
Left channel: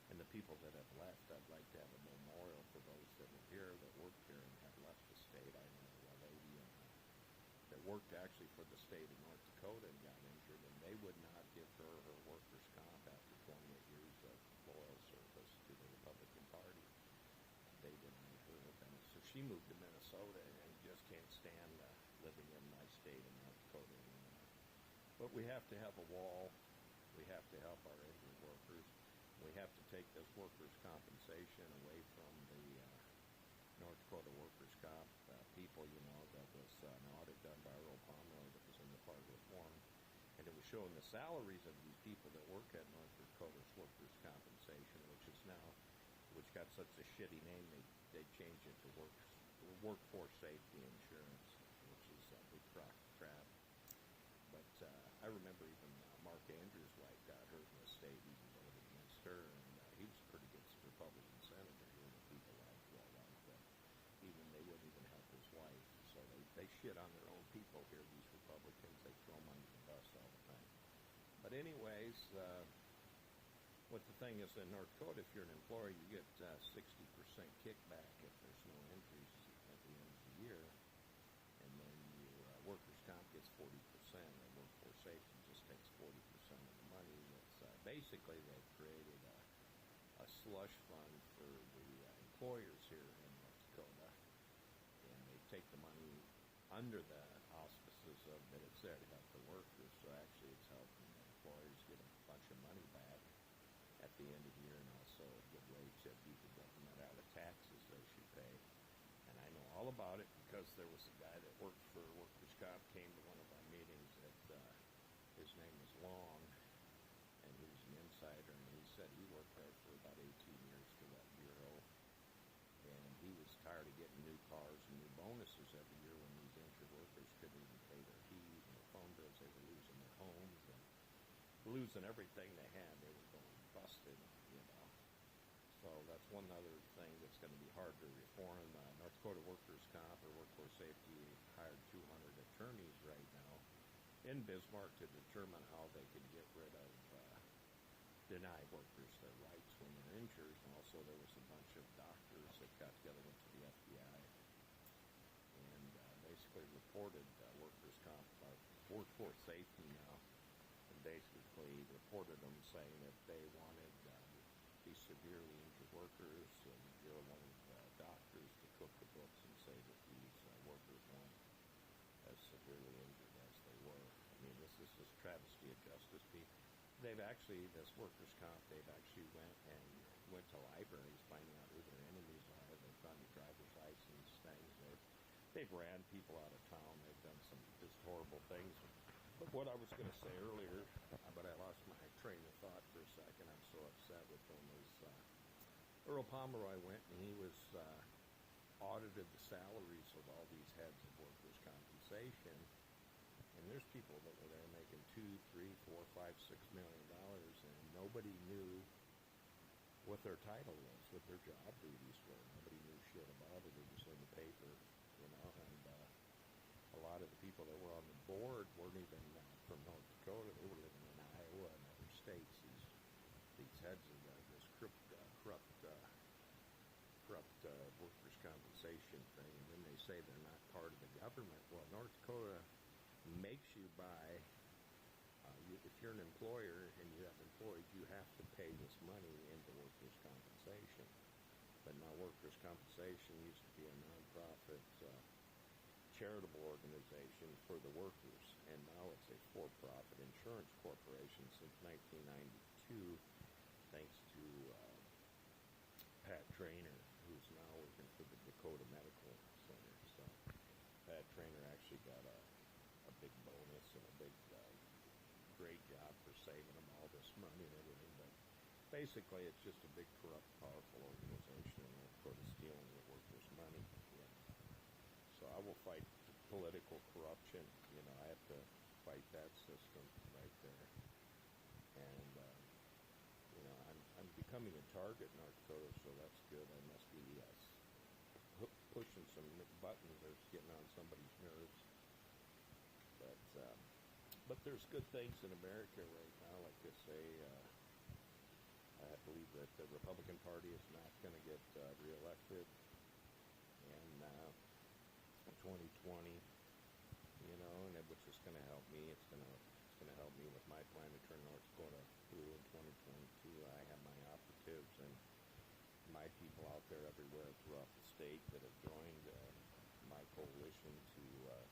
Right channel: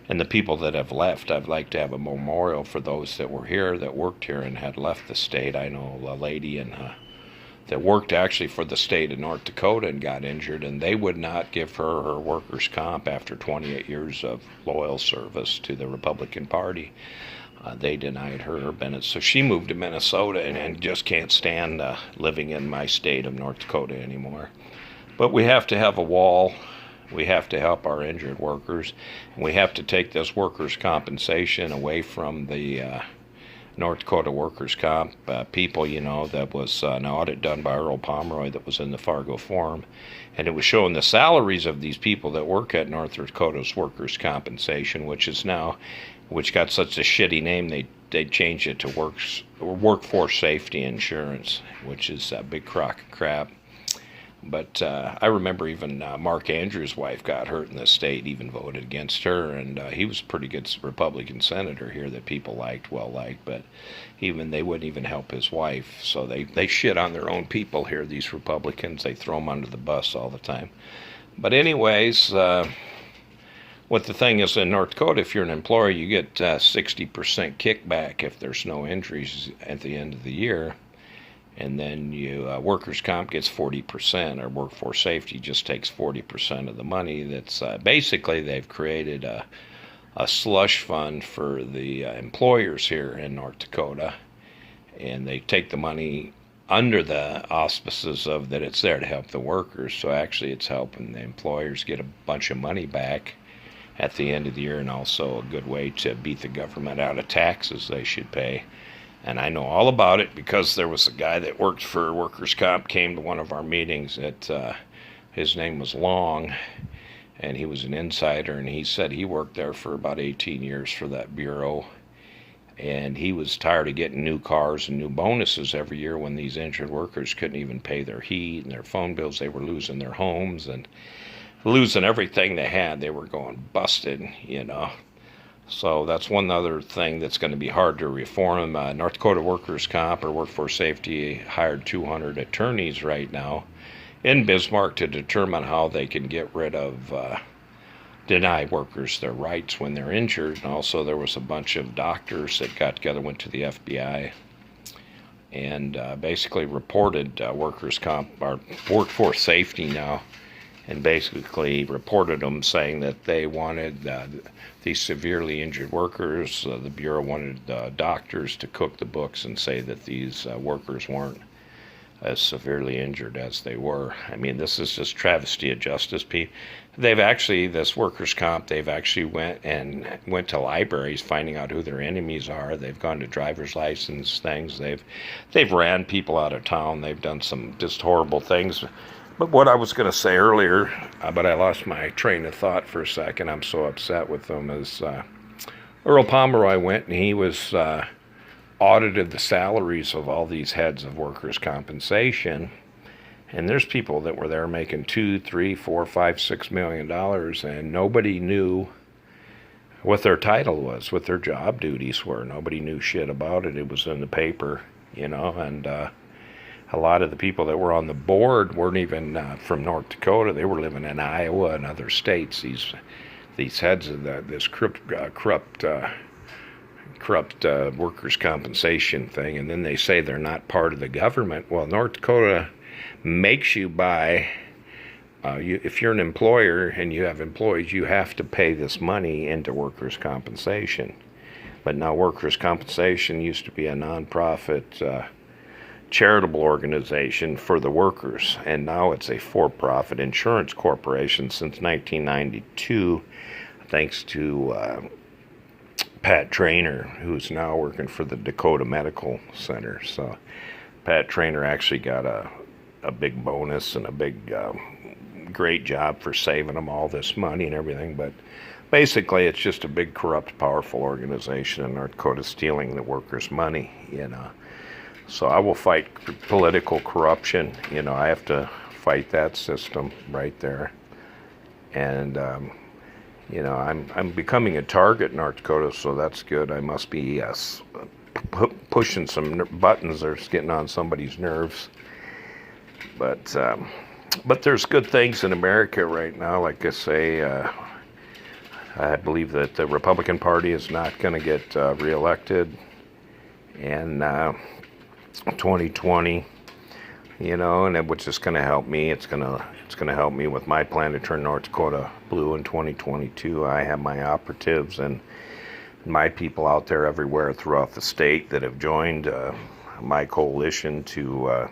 and the people that have left. I'd like to have a memorial for those that were here, that worked here and had left the state. I know a lady that worked actually for the state of North Dakota and got injured, and they would not give her workers' comp after 28 years of loyal service to the Republican Party. They denied her benefits, so she moved to Minnesota and just can't stand living in my state of North Dakota anymore. But we have to have a wall. We have to help our injured workers, and we have to take this workers' compensation away from the North Dakota workers' comp people. You know, that was an audit done by Earl Pomeroy that was in the Fargo Forum, and it was showing the salaries of these people that work at North Dakota's workers' compensation, which got such a shitty name, they changed it to workforce safety insurance, which is a big crock of crap. But I remember even Mark Andrews' wife got hurt in the state, even voted against her, and he was a pretty good Republican senator here that people liked, but even they wouldn't even help his wife. So they shit on their own people here, these Republicans. They throw them under the bus all the time. But anyways, what the thing is in North Dakota, if you're an employer, you get 60% kickback if there's no injuries at the end of the year. And then workers' comp gets 40%, or workforce safety just takes 40% of the money. That's basically they've created a slush fund for the employers here in North Dakota, and they take the money under the auspices of that it's there to help the workers. So actually it's helping the employers get a bunch of money back at the end of the year, and also a good way to beat the government out of taxes they should pay. And I know all about it because there was a guy that worked for workers' comp, came to one of our meetings. His name was Long, and he was an insider, and he said he worked there for about 18 years for that bureau. And he was tired of getting new cars and new bonuses every year when these injured workers couldn't even pay their heat and their phone bills. They were losing their homes and losing everything they had. They were going busted, you know. So that's one other thing that's going to be hard to reform. North Dakota Workers' Comp, or Workforce Safety, hired 200 attorneys right now, in Bismarck to determine how they can get rid of, deny workers their rights when they're injured. And also there was a bunch of doctors that got together, went to the FBI, and basically reported workers' comp, or workforce safety now, and basically reported them saying that they wanted these severely injured workers, the Bureau wanted doctors to cook the books and say that these workers weren't as severely injured as they were. I mean, this is just travesty of justice. They've actually, this workers' comp, they've actually went to libraries finding out who their enemies are. They've gone to driver's license things. They've ran people out of town. They've done some just horrible things. But what I was going to say earlier, but I lost my train of thought for a second. I'm so upset with them. Is Earl Pomeroy went and he was audited the salaries of all these heads of workers' compensation. And there's people that were there making $2, $3, $4, $5, $6 million, and nobody knew what their title was, what their job duties were. Nobody knew shit about it. It was in the paper, and a lot of the people that were on the board weren't even from North Dakota. They were living in Iowa and other states. These heads of this corrupt workers' compensation thing, and then they say they're not part of the government. Well, North Dakota makes you buy, if you're an employer and you have employees, you have to pay this money into workers' compensation. But now workers' compensation used to be a nonprofit charitable organization for the workers, and now it's a for-profit insurance corporation since 1992, thanks to Pat Traynor, who's now working for the Dakota Medical Center. So Pat Traynor actually got a big bonus and a big great job for saving them all this money and everything. But basically it's just a big corrupt powerful organization in North Dakota stealing the workers' money. So I will fight political corruption. I have to fight that system right there. And I'm becoming a target in North Dakota, so that's good. I must be pushing some buttons that's getting on somebody's nerves. But there's good things in America right now. Like I say, I believe that the Republican Party is not going to get reelected in 2020. And which is going to help me. It's going to help me with my plan to turn North Dakota blue in 2022. I have my operatives and my people out there everywhere throughout the state that have joined my coalition to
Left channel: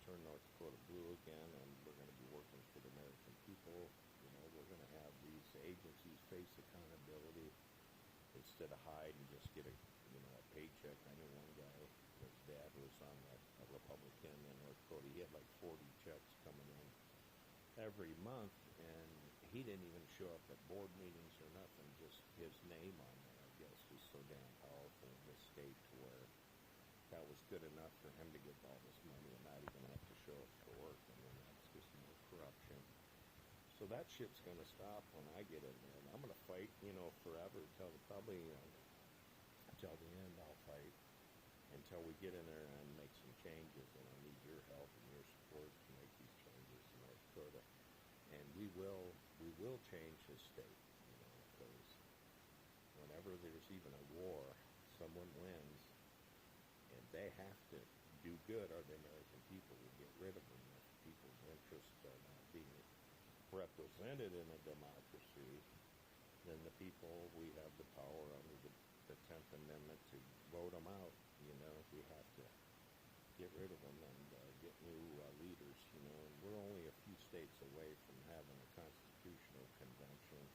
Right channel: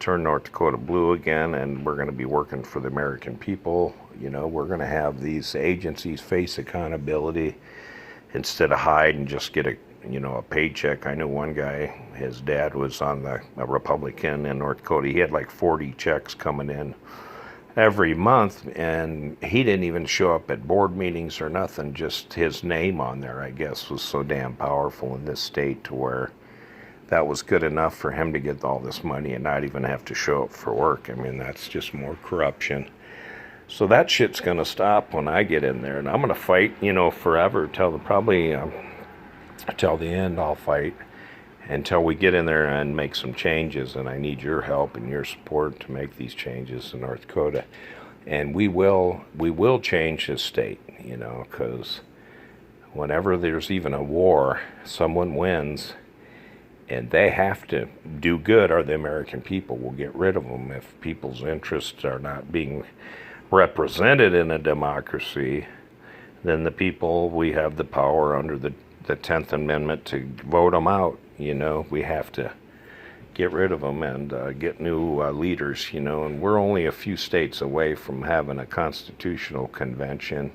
turn North Dakota blue again, and we're going to be working for the American people. We're going to have these agencies face accountability instead of hide and just get a paycheck. I know one guy, his dad was on a Republican in North Dakota. He had like 40 checks coming in every month, and he didn't even show up at board meetings or nothing. Just his name on there, I guess, was so damn powerful in this state to where that was good enough for him to get all this money and not even have to show up for work. I mean, that's just more corruption. So that shit's going to stop when I get in there, and I'm going to fight, forever till the end. I'll fight until we get in there and make some changes, and I need your help and your support to make these changes in North Dakota. And we will change this state, because whenever there's even a war, someone wins, and they have to do good, or the American people will get rid of them. If people's interests are not being represented in a democracy, then the people, we have the power under the 10th Amendment to vote them out. We have to get rid of them and get new leaders, and we're only a few states away from having a constitutional convention.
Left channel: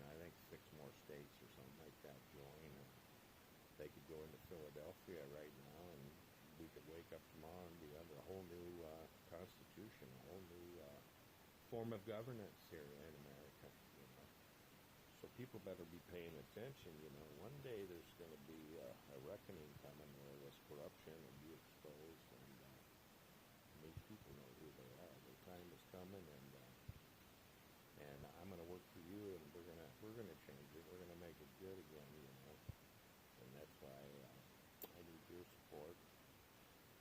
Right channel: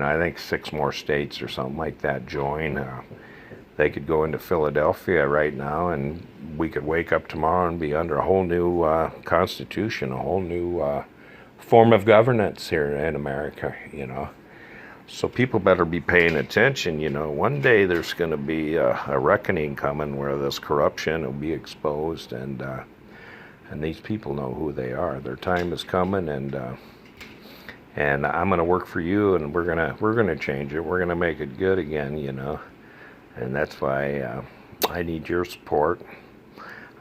I think 6 more states or something like that join. They could go into Philadelphia right now, and we could wake up tomorrow and be under a whole new constitution, a whole new form of governance here in America, So people better be paying attention. One day there's going to be a reckoning coming where this corruption will be exposed, and these people know who they are. Their time is coming, and I'm going to work for you, and we're gonna change it. We're gonna make it good again, And that's why I need your support.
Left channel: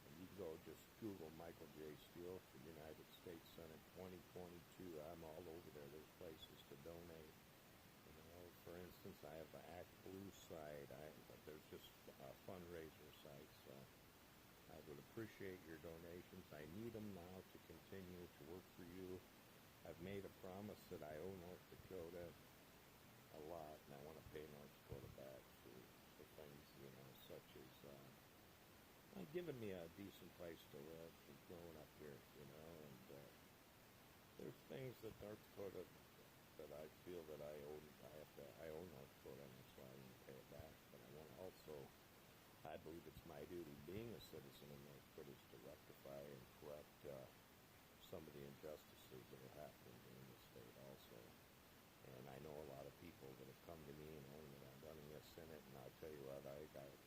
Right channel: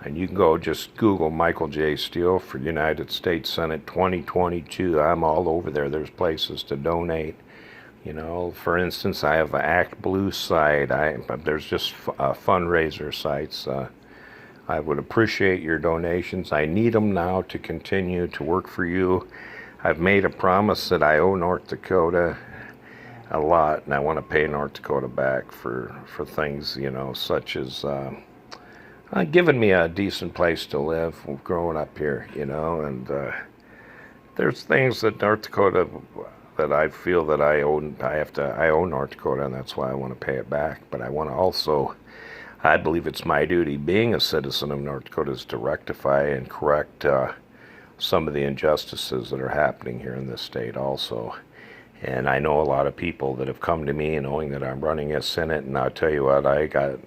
And you can go just Google Michael J. Steele for United States Senate 2022. I'm all over there. There's places to donate. You know, for instance, I have an Act Blue site. There's just fundraiser sites. I would appreciate your donations. I need them now to continue to work for you. I've made a promise that I owe North Dakota a lot, and I want to pay North Dakota back for things, you know, such as giving me a decent place to live growing up here, you know, and there's things that North Dakota that I feel that I owe North Dakota, and that's why I want to pay it back. But I want to also, I believe it's my duty, being a citizen of North Dakota, is to rectify and correct some of the injustices that are happening here in this state also. And I know a lot of people that have come to me knowing that I'm running a Senate, and I'll tell you what, I got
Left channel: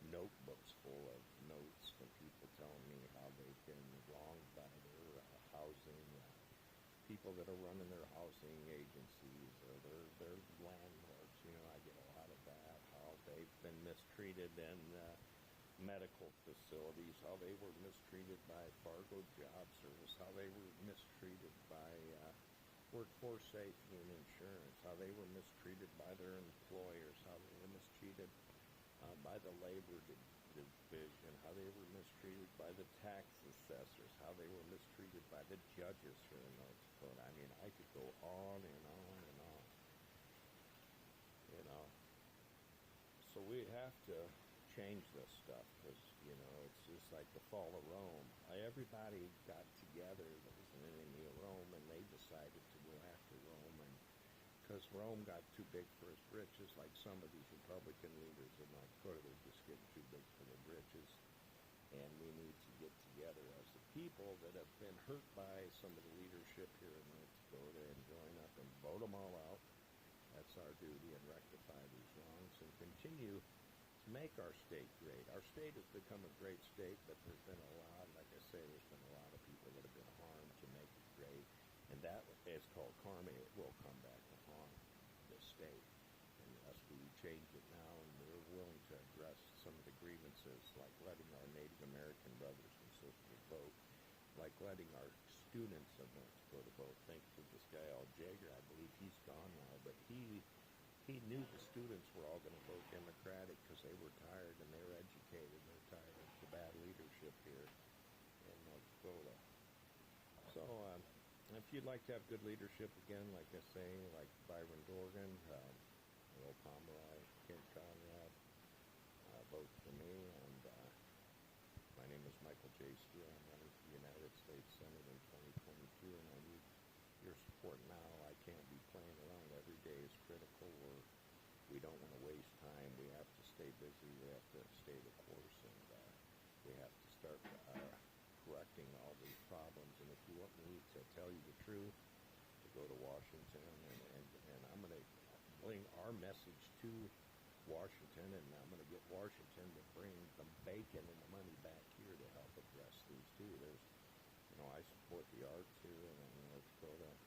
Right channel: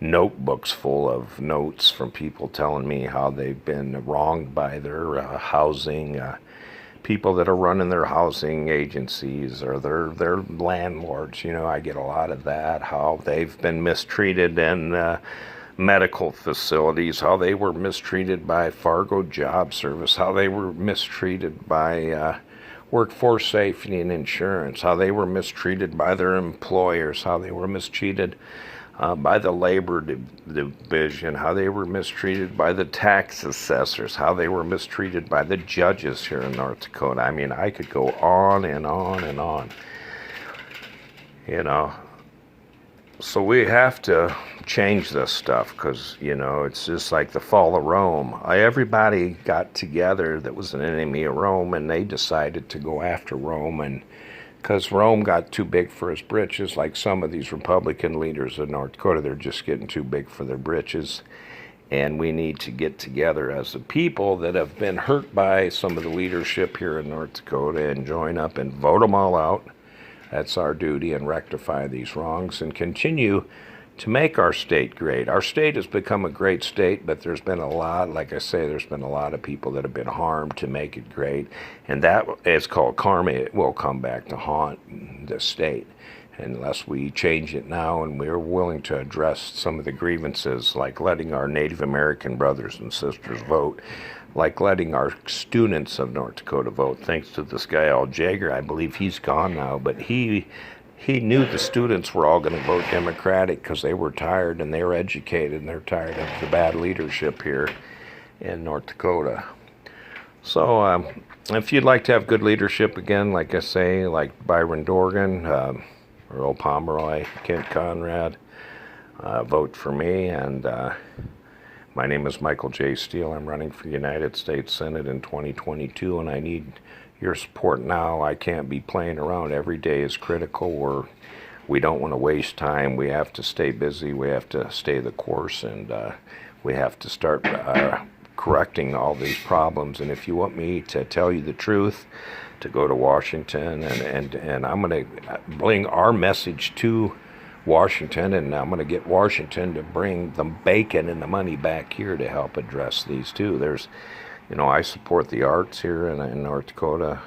notebooks full of notes from people telling me how they've been wronged by their housing, people that are running their housing agencies or their landlords. You know, I get a lot of that, how they've been mistreated in medical facilities, how they were mistreated by Fargo Job Service, how they were mistreated by workforce safety and insurance, how they were mistreated by their employers, how they were mistreated by the labor division, how they were mistreated by the tax assessors, how they were mistreated by the judges here in North Dakota. I mean, I could go on and on and on, you know. So we have to change this stuff because, you know, it's just like the fall of Rome. Everybody got together that was an enemy of Rome, and they decided to go after Rome, and because Rome got too big for his britches, like some of these Republican leaders in North Dakota, they're just getting too big for their britches. And we need to get together as a people that have been hurt by some of the leadership here in North Dakota and join up and vote them all out. That's our duty, and rectify these wrongs and continue to make our state great. Our state has become a great state, but there's been a lot, like I say, there's been a lot of people that have been harmed to make it great. And that is called karma. It will come back to haunt the state unless we change it now and we're willing to address some of the grievances, like letting our Native American brothers and sisters vote, like letting our students of North Dakota vote. Thanks to this guy, Al Jaeger, I believe he's gone now, but he knew the students were all going to vote Democratic because they were tired, and they were educated, and they're tired of the bad leadership here in North Dakota. So if you'd like to have good leadership again, like I say, like Byron Dorgan, Earl Pomeroy, Kent Conrad, vote for me. And my name is Michael J. Steele. I'm running for United States Senate in 2022, and I need your support now. I can't be playing around. Every day is critical. We don't want to waste time. We have to stay busy. We have to stay the course, and we have to start correcting all these problems. And if you want me to tell you the truth, to go to Washington, and I'm going to bring our message to Washington, and I'm going to get Washington to bring the bacon and the money back here to help address these too. You know, I support the arts here in North Dakota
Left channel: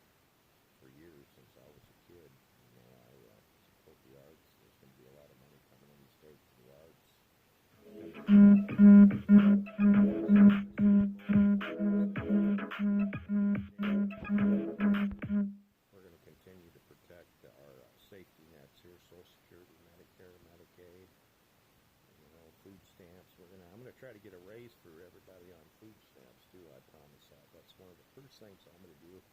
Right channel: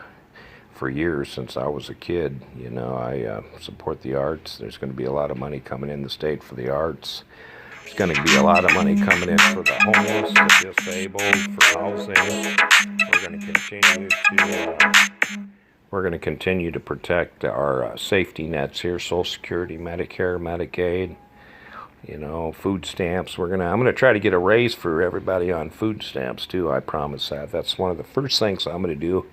for years since I was a kid. You know, I support the arts. There's going to be a lot of money coming in the state for the arts. There's going to be a lot of money coming in for the homeless, the disabled, for housing. We're going to continue to protect our safety nets here: Social Security, Medicare, Medicaid. You know, food stamps. I'm going to try to get a raise for everybody on food stamps too. I promise that. That's one of the first things I'm going to do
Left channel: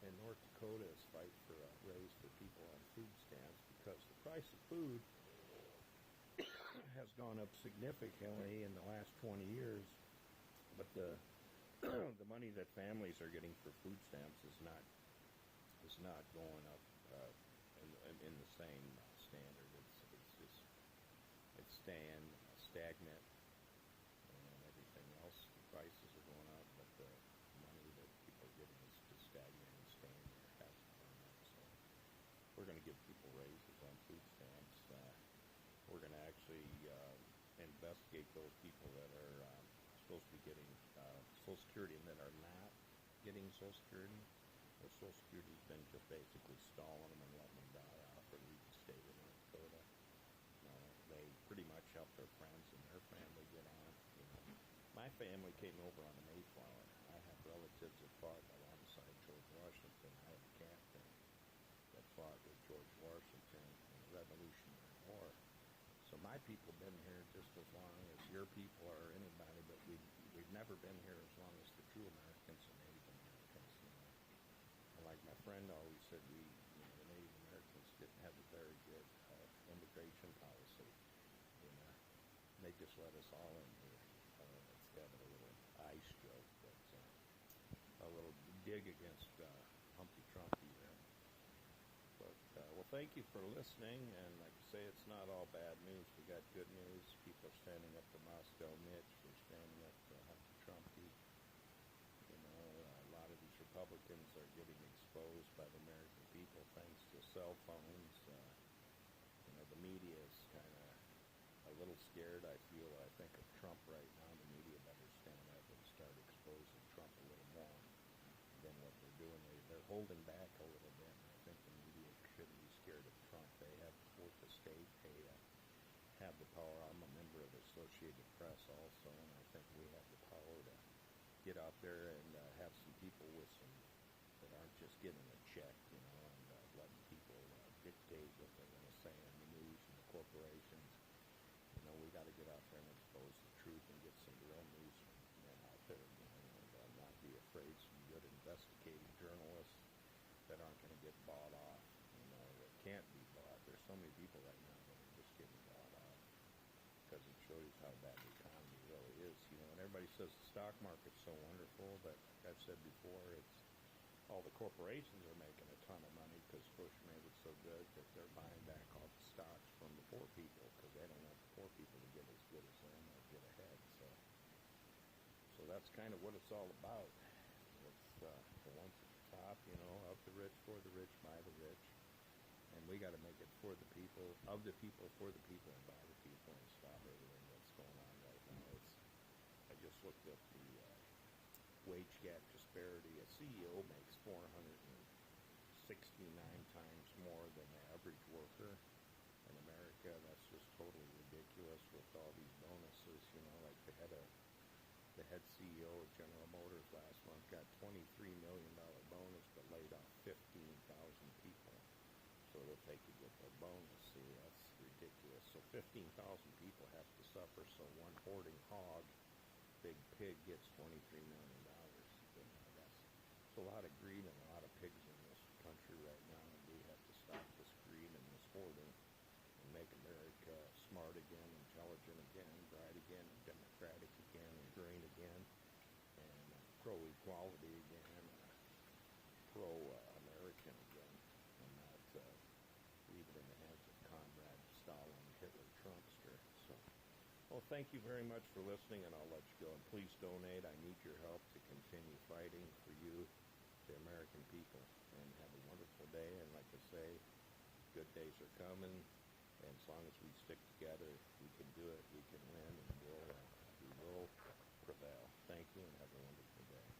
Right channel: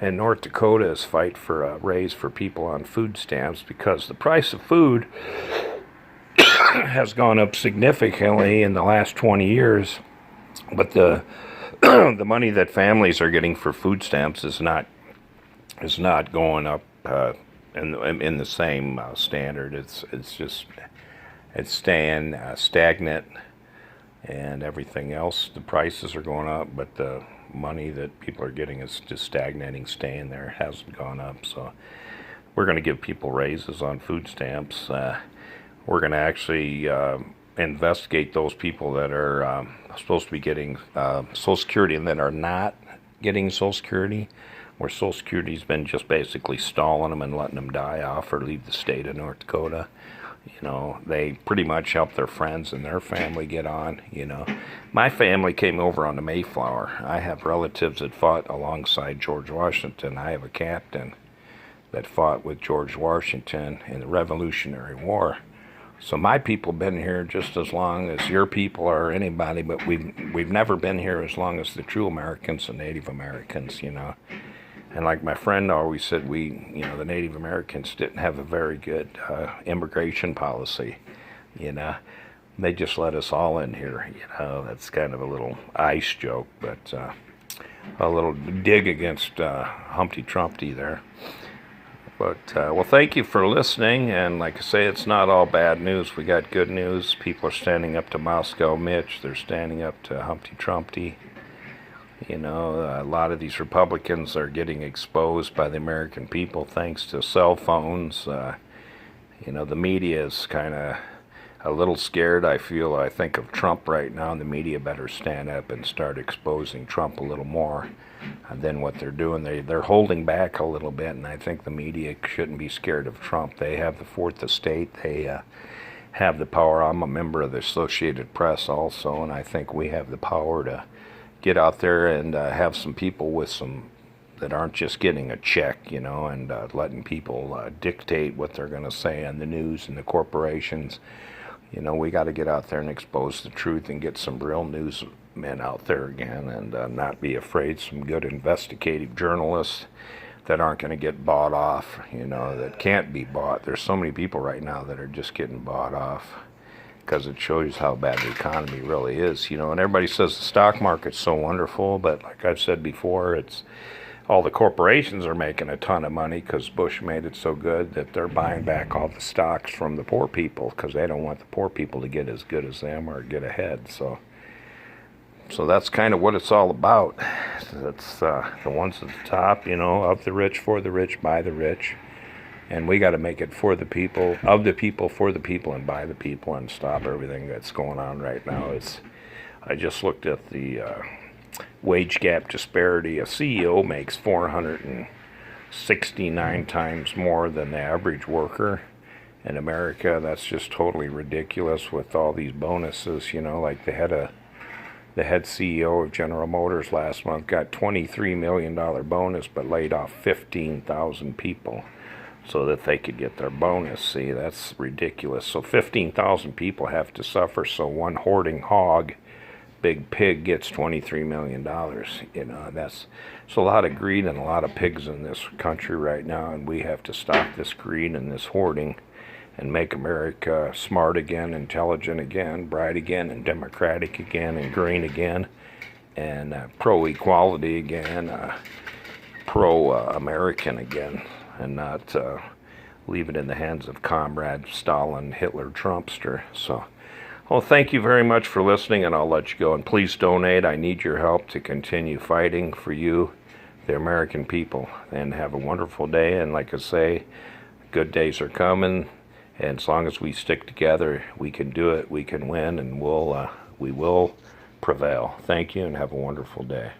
in North Dakota, is fight for a raise for people on food stamps, because the price of food has gone up significantly in the last 20 years. But the the money that families are getting for food stamps is not going up in the same standard. It's staying stagnant, and everything else, the prices are going up, but the money that people are getting is just stagnating, staying there. It hasn't gone up. So we're going to give people raises on food stamps. We're going to actually investigate those people that are supposed to be getting Social Security and that are not getting Social Security, where Social Security's been just basically stalling them and letting them die off or leave the state of North Dakota. They pretty much help their friends and their family get on. My family came over on the Mayflower. I have relatives that fought alongside George Washington. I have a captain that fought with George Washington in the Revolutionary War. So my people have been here just as long as your people or anybody, but we've never been here as long as the true Americans and Native Americans. And like my friend always said, the Native Americans didn't have a very good immigration policy. They just let us all in here. That's kind of a little ice joke, but a little dig against Humpty Trumpty there. But, well, thank you for listening, and like I say, it's not all bad news. We got good news. People are standing up to Moscow Mitch. They're standing up to Humpty Trumpty. A lot of these Republicans are getting exposed by the American people thanks to cell phones. The media is kind of a little scared. I think of Trump right now, and the media better stand up and start exposing Trump a little more than what they're doing. They're holding back a little bit, and I think the media shouldn't be scared of Trump. They have the fourth estate. They have the power. I'm a member of the Associated Press also, and I think we have the power to get out there and have some people with some that aren't just getting a check, and letting people dictate what they're going to say on the news and the corporations. We got to get out there and expose the truth and get some real newsmen out there again, and not be afraid. Some good investigative journalists that aren't going to get bought off, that can't be bought. There's so many people right now that are just getting bought off because it shows how bad the economy really is, and everybody says the stock market's so wonderful, but like I've said before, it's all the corporations are making a ton of money because Bush made it so good that they're buying back all the stocks from the poor people because they don't want the poor people to get as good as them or get ahead. So that's kind of what it's all about. It's the ones at the top, of the rich, for the rich, by the rich. And we got to make it for the people, of the people, for the people, and by the people, and stop everything that's going on right now. I just looked at the wage gap disparity. A CEO makes 469 times more than the average worker in America. That's just totally ridiculous with all these bonuses. Like the head CEO of General Motors last month got $23 million bonus, but laid off 15,000 people so that they could get their bonus. See, that's ridiculous. So 15,000 people have to suffer, so one hoarding hog, big pig, gets $23 million. That's a lot of greed and a lot of pigs in this country right now, and we have to stop this greed and this hoarding and make America smart again, intelligent again, bright again, and democratic again, and green again, and pro-equality again, pro-American again, and not leave it in the hands of Comrade Stalin, Hitler, Trumpster. So, well, thank you very much for listening, and I'll let you go. And please donate. I need your help to continue fighting for you, the American people. And have a wonderful day. And like I say, good days are coming. And as long as we stick together, we can do it. We can win, and we will prevail. Thank you, and have a wonderful day.